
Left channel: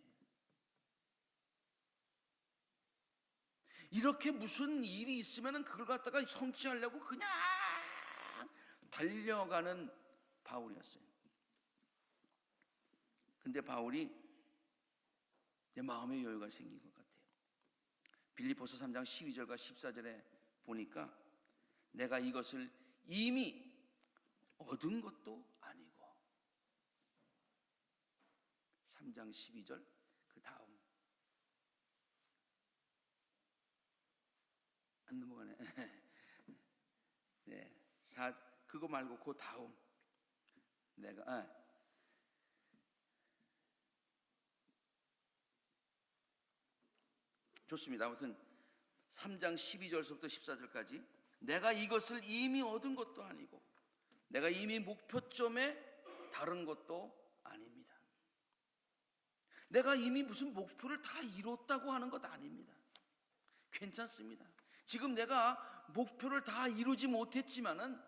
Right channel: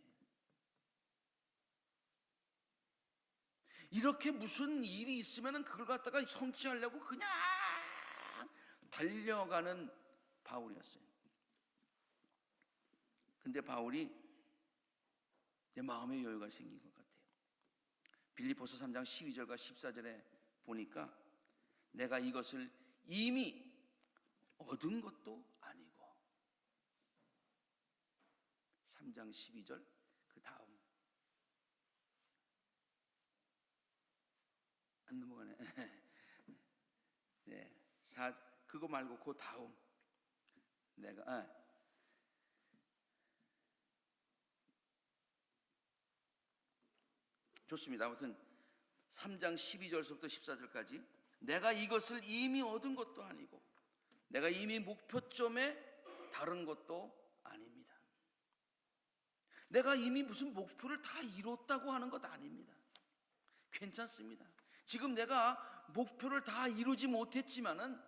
이렇게 무슨 일이 있으면 그걸 갖다가 성취하려고 그냥 달려가는 바울이었어요. 근데 바울이 내 마음의 여유가 생긴 것 같아요. 빌립보서 3장 12절과 14절에 보니까 내가 이것을 이미 얻은 것도 아니고 3장 12절 그 다음 안 넘어가네. 네, 그거 말고 그 다음 내가 좋습니다. 아무튼 3장 12절서부터 14절까지 내가 이것을 이미 얻은 것도 아니고 내가 이미 목표점에 다른 것도 아닙니다. 내가 이미 무슨 목표를 다 이뤘다고 하는 것 아닙니다. 괜찮습니다. 지금 내가 목표를 다 이루지 못했지만은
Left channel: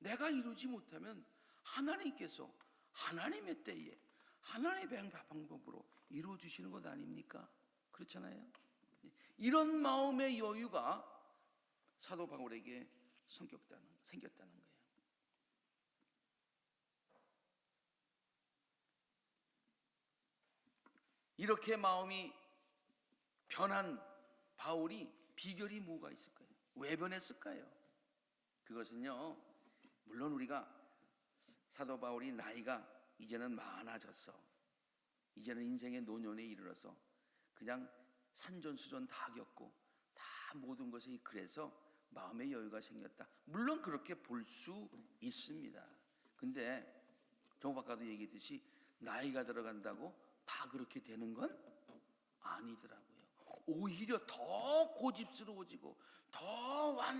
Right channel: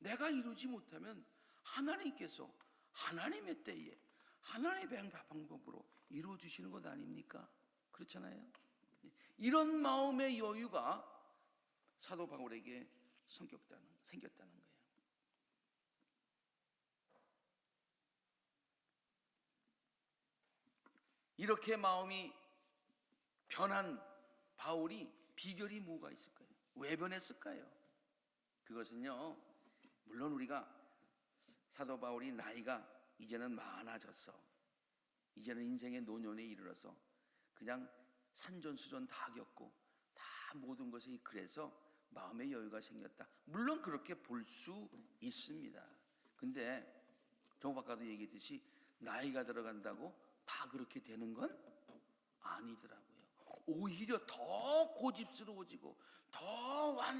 내가 이루지 못하면 하나님께서 하나님의 때에 하나님의 방법으로 이루어주시는 것 아닙니까? 그렇잖아요. 이런 마음의 여유가 사도 바울에게 생겼다는 거예요. 이렇게 마음이 변한 바울이 비결이 뭐가 있을까요? 왜 변했을까요? 그것은요, 물론 우리가 사도 바울이 나이가 이제는 많아졌어. 이제는 인생의 노년에 이르러서 그냥 산전수전 다 겪고 다 모든 것에 그래서 마음의 여유가 생겼다. 물론 그렇게 볼 수 있습니다. 근데 조금 아까도 얘기했듯이 나이가 들어간다고 다 그렇게 되는 건 아니더라고요. 오히려 더 고집스러워지고 더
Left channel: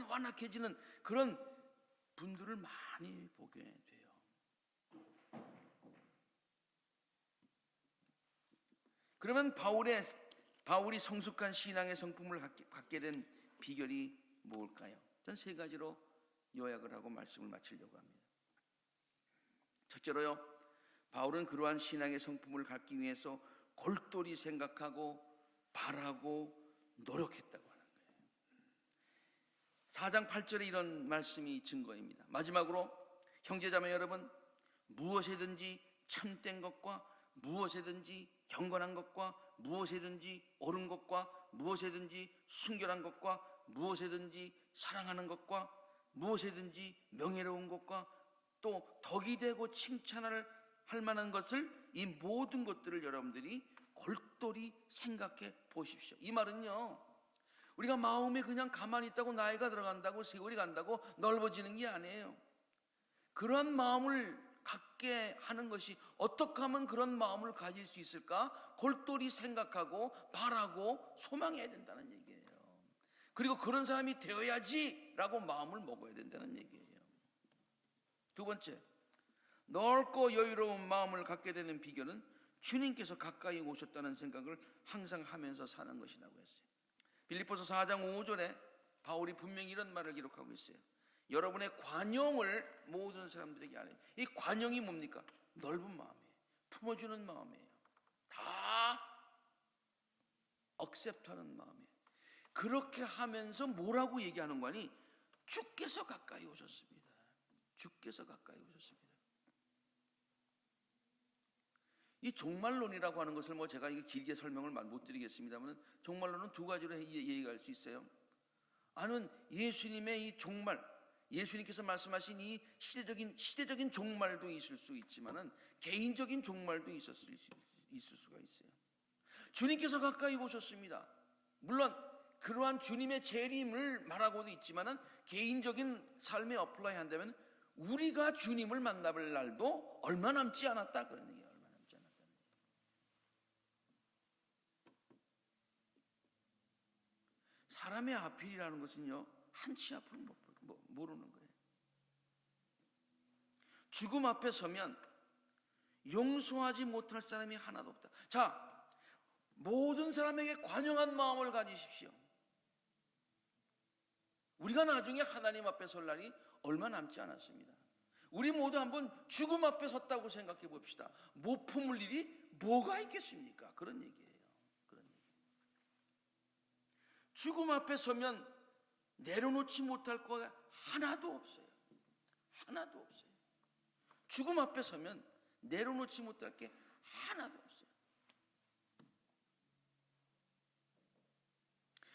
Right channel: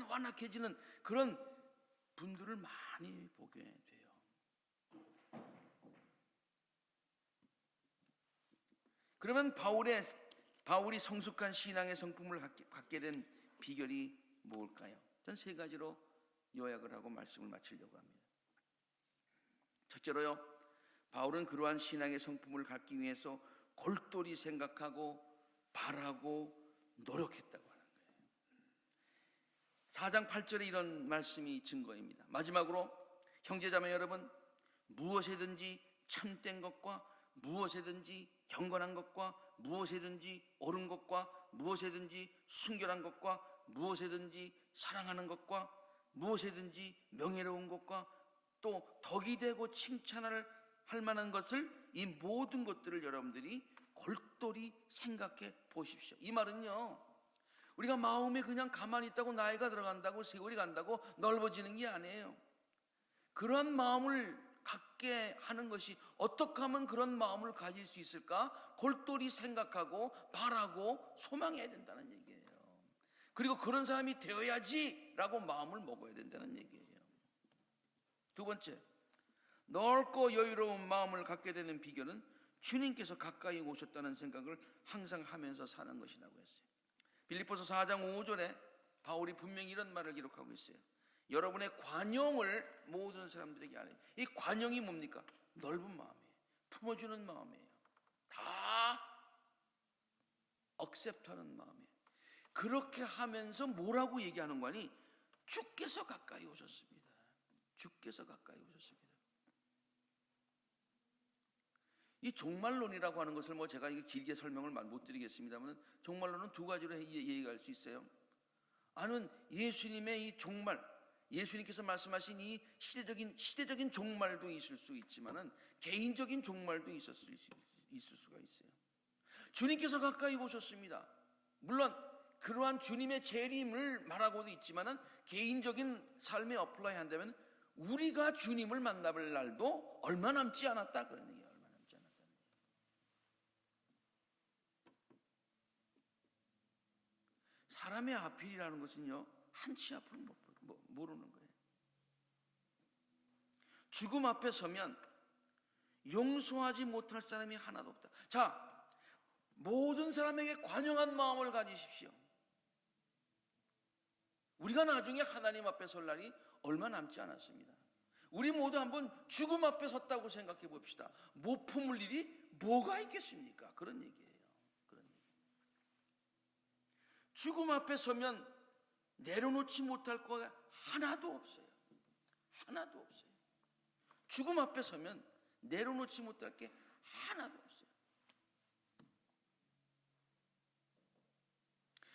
완악해지는 그런 분들을 많이 보게 돼요. 그러면 바울이 성숙한 신앙의 성품을 갖게 된 비결이 뭘까요? 전 세 가지로 요약을 하고 말씀을 마치려고 합니다. 첫째로요, 바울은 그러한 신앙의 성품을 갖기 위해서 골똘히 생각하고 바라고 노력했다고 하는 거예요. 4장 8절에 이런 말씀이 증거입니다. 마지막으로 형제자매 여러분, 무엇이든지 참된 것과 무엇이든지 경건한 것과 무엇이든지 옳은 것과 무엇이든지 순결한 것과 무엇이든지 사랑하는 것과 무엇이든지 명예로운 것과 또 덕이 되고 칭찬할 만한 것을 이 모든 것들을 여러분들이 골똘히 생각해 보십시오. 이 말은요, 우리가 마음에 그냥 가만히 있다고 나이가 들어간다고 세월이 간다고 넓어지는 게 아니에요. 그런 마음을 갖게 하는 것이 어떻게 하면 그런 마음을 가질 수 있을까? 골똘히 생각하고 바라고 소망해야 된다는 얘기예요. 그리고 그런 사람이 되어야지라고 마음을 먹어야 된다는 얘기예요. 두 번째, 넓고 여유로운 마음을 갖게 되는 비결은 주님께서 가까이 오셨다는 생각을 항상 하면서 사는 것이라고 했어요. 빌립보서 4장 5절에 바울이 분명히 이런 말을 기록하고 있어요. 여러분의 관용을 모든 사람들에게 알아요. 이 관용이 뭡니까? 넓은 마음이에요. 품어주는 마음이에요. 다 억셉트하는 마음이에요. 그렇게 하면서 뭐라고 얘기하는 거니? 주께서 가까이 오셨습니다. 주께서 가까이 오셨습니다. 이 종말론이라고 하는 것을 제가 이게 길게 설명을 못 드리겠습니다만 종말론은 두 가지로 얘기할 수 있어요. 하나는 예수님의 이 종말, 예수님께서 말씀하신 이 시대적인 종말도 있을 수 있지만은 개인적인 종말도 있을 수가 있어요. 주님께서 가까이 오셨습니다. 물론 그러한 주님의 재림을 말하고도 있지만은 개인적인 삶에 어플라이 한다면 우리가 주님을 만나볼 날도 얼마 남지 않았다 그런 얘기예요. 얼마 남지 않았다. 사람의 앞일이라는 것은요, 한치 앞을 모르는 거예요. 죽음 앞에 서면 용서하지 못할 사람이 하나도 없다. 자, 모든 사람에게 관용한 마음을 가지십시오. 우리가 나중에 하나님 앞에 설 날이 얼마 남지 않았습니다. 우리 모두 한번 죽음 앞에 섰다고 생각해 봅시다. 못 품을 일이 뭐가 있겠습니까? 그런 얘기예요. 그런 얘기. 죽음 앞에 서면 내려놓지 못할 거가 하나도 없어요. 하나도 없어요. 죽음 앞에 서면 내려놓지 못할 게 하나도 없어요.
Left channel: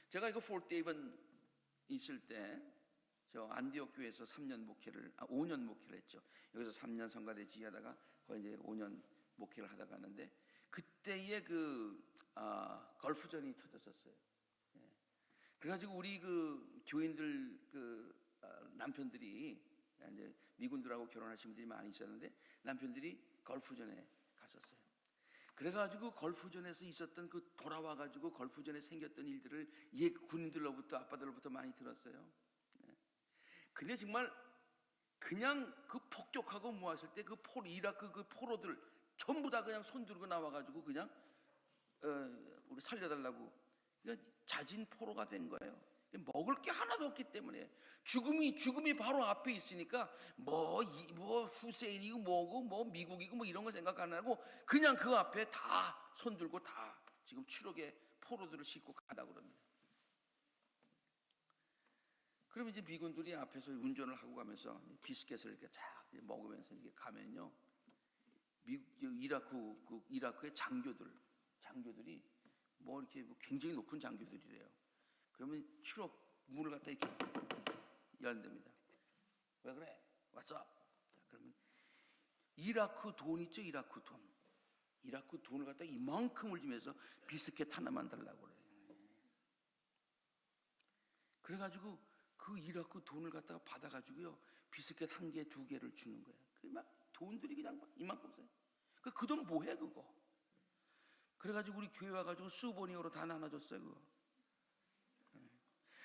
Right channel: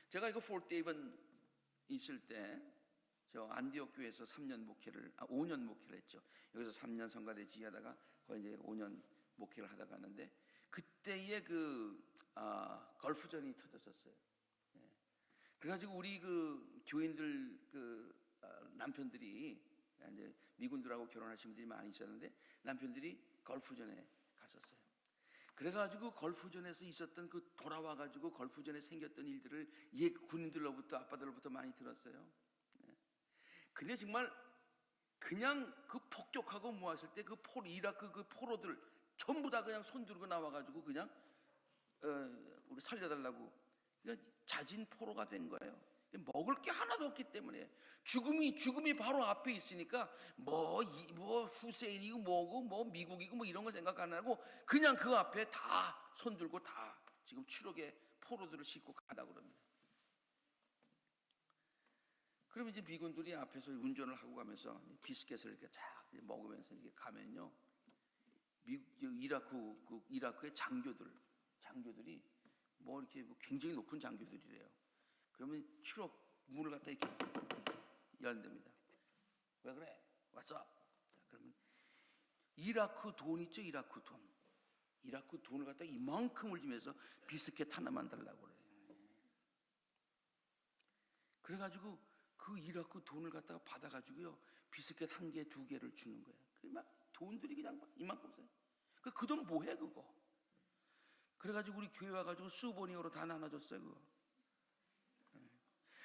제가 이거 폴데이번 있을 때 저 안디옥 교회에서 5년 목회를 했죠. 여기서 3년 성가대 지휘하다가 거의 이제 5년 목회를 하다가 하는데 그때에 걸프전이 터졌었어요. 네. 그래가지고 우리 그 교인들 남편들이 이제 미군들하고 결혼하신 분들이 많이 있었는데 남편들이 걸프전에 갔었어요. 그래가지고 걸프전에서 있었던 그 돌아와가지고 걸프전에 생겼던 일들을 옛 군인들로부터 아빠들로부터 많이 들었어요. 근데 정말 그냥 그 폭격하고 모았을 때 이라크 그 포로들 전부 다 그냥 손 들고 나와가지고 그냥 우리 살려달라고 그냥 자진 포로가 된 거예요. 먹을 게 하나도 없기 때문에 죽음이 바로 앞에 있으니까 뭐 후세인이고 뭐고 뭐 미국이고 뭐 이런 거 생각 안 하고 그냥 그 앞에 다 손 들고 다 지금 추록에 포로들을 싣고 가다 그럽니다. 그러면 이제 미군들이 앞에서 운전을 하고 가면서 비스켓을 이렇게 쫙 먹으면서 이렇게 가면요, 이라크의 장교들이 뭐 이렇게 굉장히 높은 장교들이래요. 그러면 추록 문을 갖다 이렇게 열는답니다. 왜 그래? 왔어? 그러면 이라크 돈 있죠? 이라크 돈을 갖다 이만큼을 주면서 비스켓 하나만 달라고 그래요. 그래가지고 그 이라크 돈을 갖다가 받아가지고요, 비스켓 1개, 2개를 주는 거예요. 막 돈들이 그냥 막 이만큼 써요. 그 돈 뭐해 그거? 그래가지고 우리 교회 와가지고 수보니어로 다 나눠줬어요 그거.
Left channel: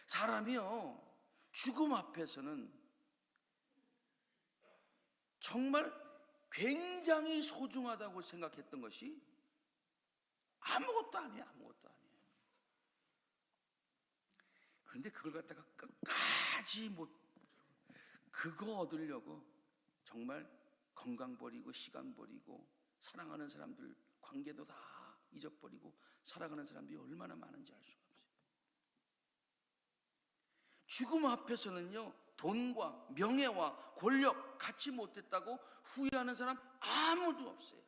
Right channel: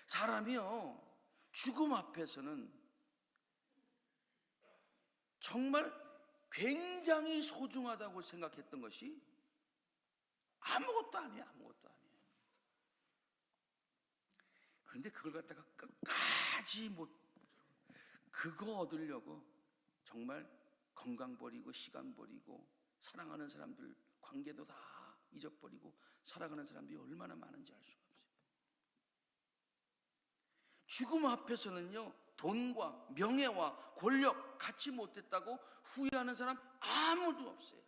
사람이요, 죽음 앞에서는 정말 굉장히 소중하다고 생각했던 것이 아무것도 아니에요. 그런데 그걸 갖다가 끝까지 그거 얻으려고 정말 건강 버리고 시간 버리고 사랑하는 사람들 관계도 다 잊어버리고 살아가는 사람들이 얼마나 많은지 알 수가 없어요. 죽음 앞에서는요, 돈과 명예와 권력 갖지 못했다고 후회하는 사람 아무도 없어요.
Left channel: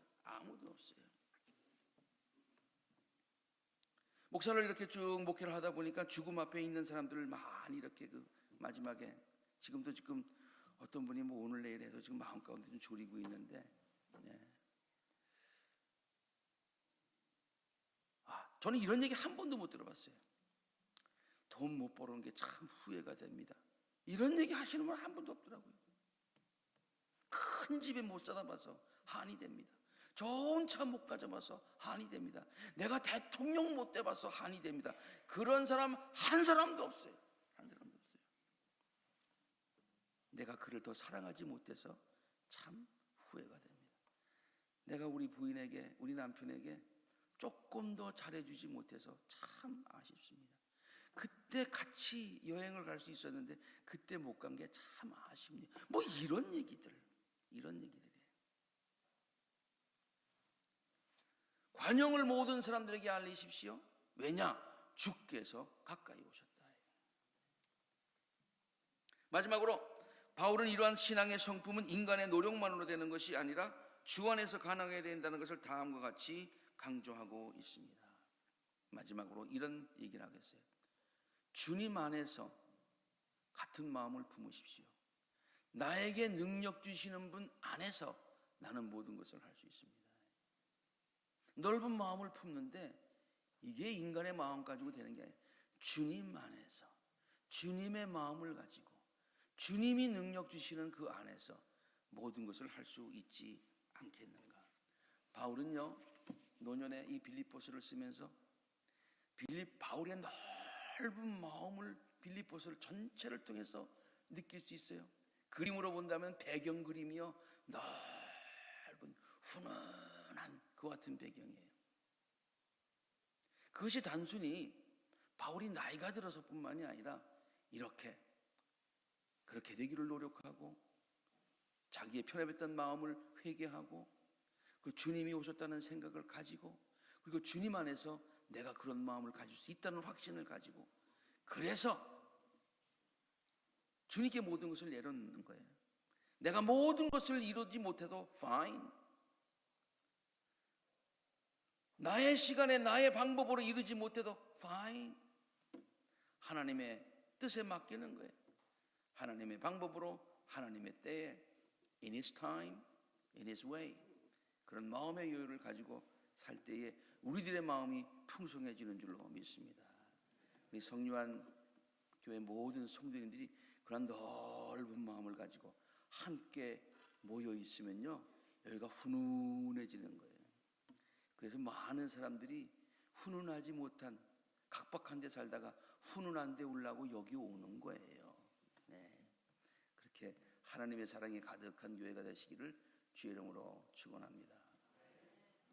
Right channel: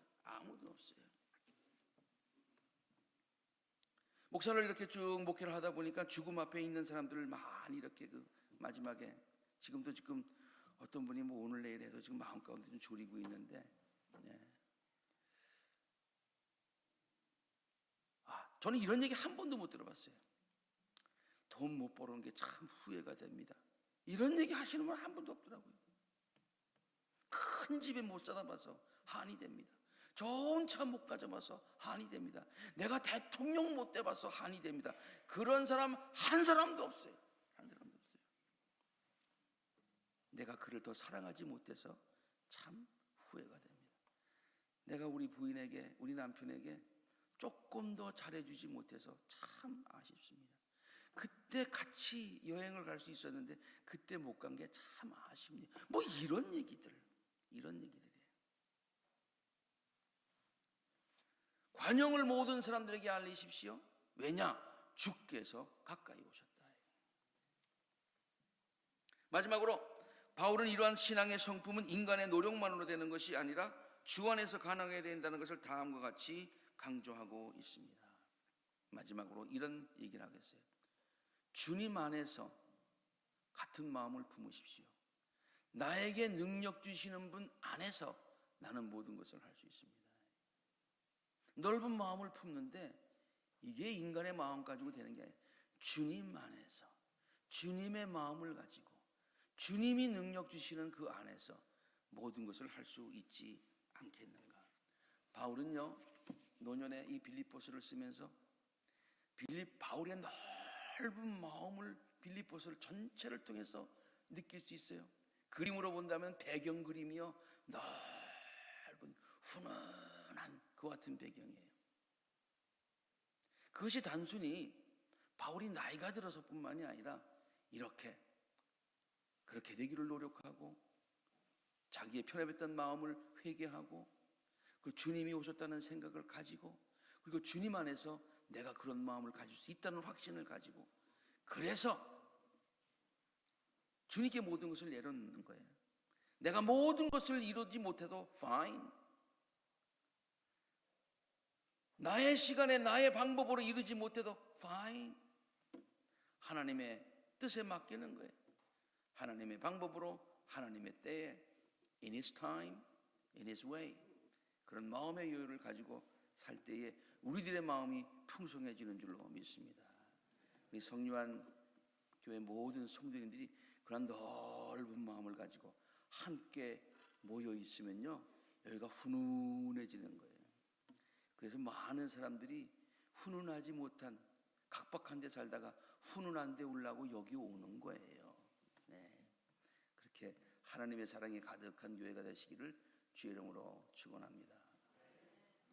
목사를 이렇게 쭉 목회를 하다 보니까 죽음 앞에 있는 사람들을 많이 이렇게 마지막에 지금 어떤 분이 뭐 오늘 내일 해서 지금 마음 가운데 좀 졸이고 있는데, 저는 이런 얘기 한 번도 못 들어봤어요. 돈 못 벌어온 게 참 후회가 됩니다. 이런 얘기 하시는 분 한 번도 없더라고요. 큰 집에 못 살아 봐서 한이 됩니다. 좋은 차 못 가져봐서 한이 됩니다. 내가 대통령 못 돼봐서 한이 됩니다. 그런 사람 한 사람도 없어요. 내가 그를 더 사랑하지 못해서 참 후회가 됩니다. 내가 우리 부인에게, 우리 남편에게 조금 더 잘해주지 못해서 참 아쉽습니다. 그때 같이 여행을 갈 수 있었는데 그때 못 간 게 참 아쉽네요. 뭐 이런 얘기들이에요. 관용을 모든 사람들에게 알리십시오. 왜냐? 주께서 가까이 오셨다. 마지막으로 바울은 이러한 신앙의 성품은 인간의 노력만으로 되는 것이 아니라 주 안에서 가능해야 된다는 것을 다음과 같이 강조하고 있습니다. 마지막으로 이런 얘기를 하겠어요. 주님 안에서 같은 마음을 품으십시오. 나에게 능력 주시는 분 안에서 나는 모든 것을 할 수 있습니다. 넓은 마음을 품는데 이게 인간의 마음 가지고 되는 게 아니에요. 주님 안에서 주님의 마음을 가지고 주님이 능력 주시는 그 안에서 모든 것을 할 수 있지 않겠는가. 바울은요, 노년에 이 빌립보서를 쓰면서 바울의 넓은 마음을 빌립보서를 전체를 통해서 느낄 수 있어요. 그림으로 본다면 배경 그림이요, 넓은 훈훈한 그와 같은 배경이에요. 그것이 단순히 바울이 나이가 들어서뿐만이 아니라 이렇게 그렇게 되기를 노력하고 자기의 편협했던 마음을 회개하고 그 주님이 오셨다는 생각을 가지고 그리고 주님 안에서 내가 그런 마음을 가질 수 있다는 확신을 가지고 그래서 주님께 모든 것을 내려놓는 거예요. 내가 모든 것을 이루지 못해도 fine. 나의 시간에 나의 방법으로 이루지 못해도 fine. 하나님의 뜻에 맡기는 거예요. 하나님의 방법으로 하나님의 때에 in His time, in His way 그런 마음의 여유를 가지고 살 때에 우리들의 마음이 풍성해지는 줄로 믿습니다. 우리 성유한 교회 모든 성도님들이 그런 넓은 마음을 가지고 함께 모여 있으면요 여기가 훈훈해지는 거예요. 그래서 많은 사람들이 훈훈하지 못한 각박한 데 살다가 훈훈한 데 오려고 여기 오는 거예요. 네. 그렇게 하나님의 사랑이 가득한 교회가 되시기를 주의 이름으로 축원합니다.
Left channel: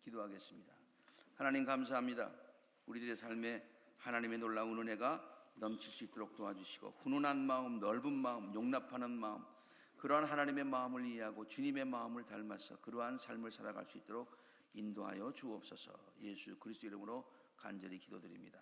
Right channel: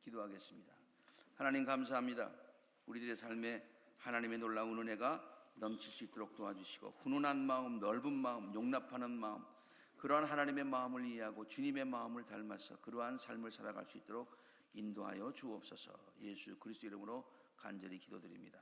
기도하겠습니다. 하나님 감사합니다. 우리들의 삶에 하나님의 놀라운 은혜가 넘칠 수 있도록 도와주시고 훈훈한 마음, 넓은 마음, 용납하는 마음 그러한 하나님의 마음을 이해하고 주님의 마음을 닮아서 그러한 삶을 살아갈 수 있도록 인도하여 주옵소서. 예수 그리스도 이름으로 간절히 기도드립니다.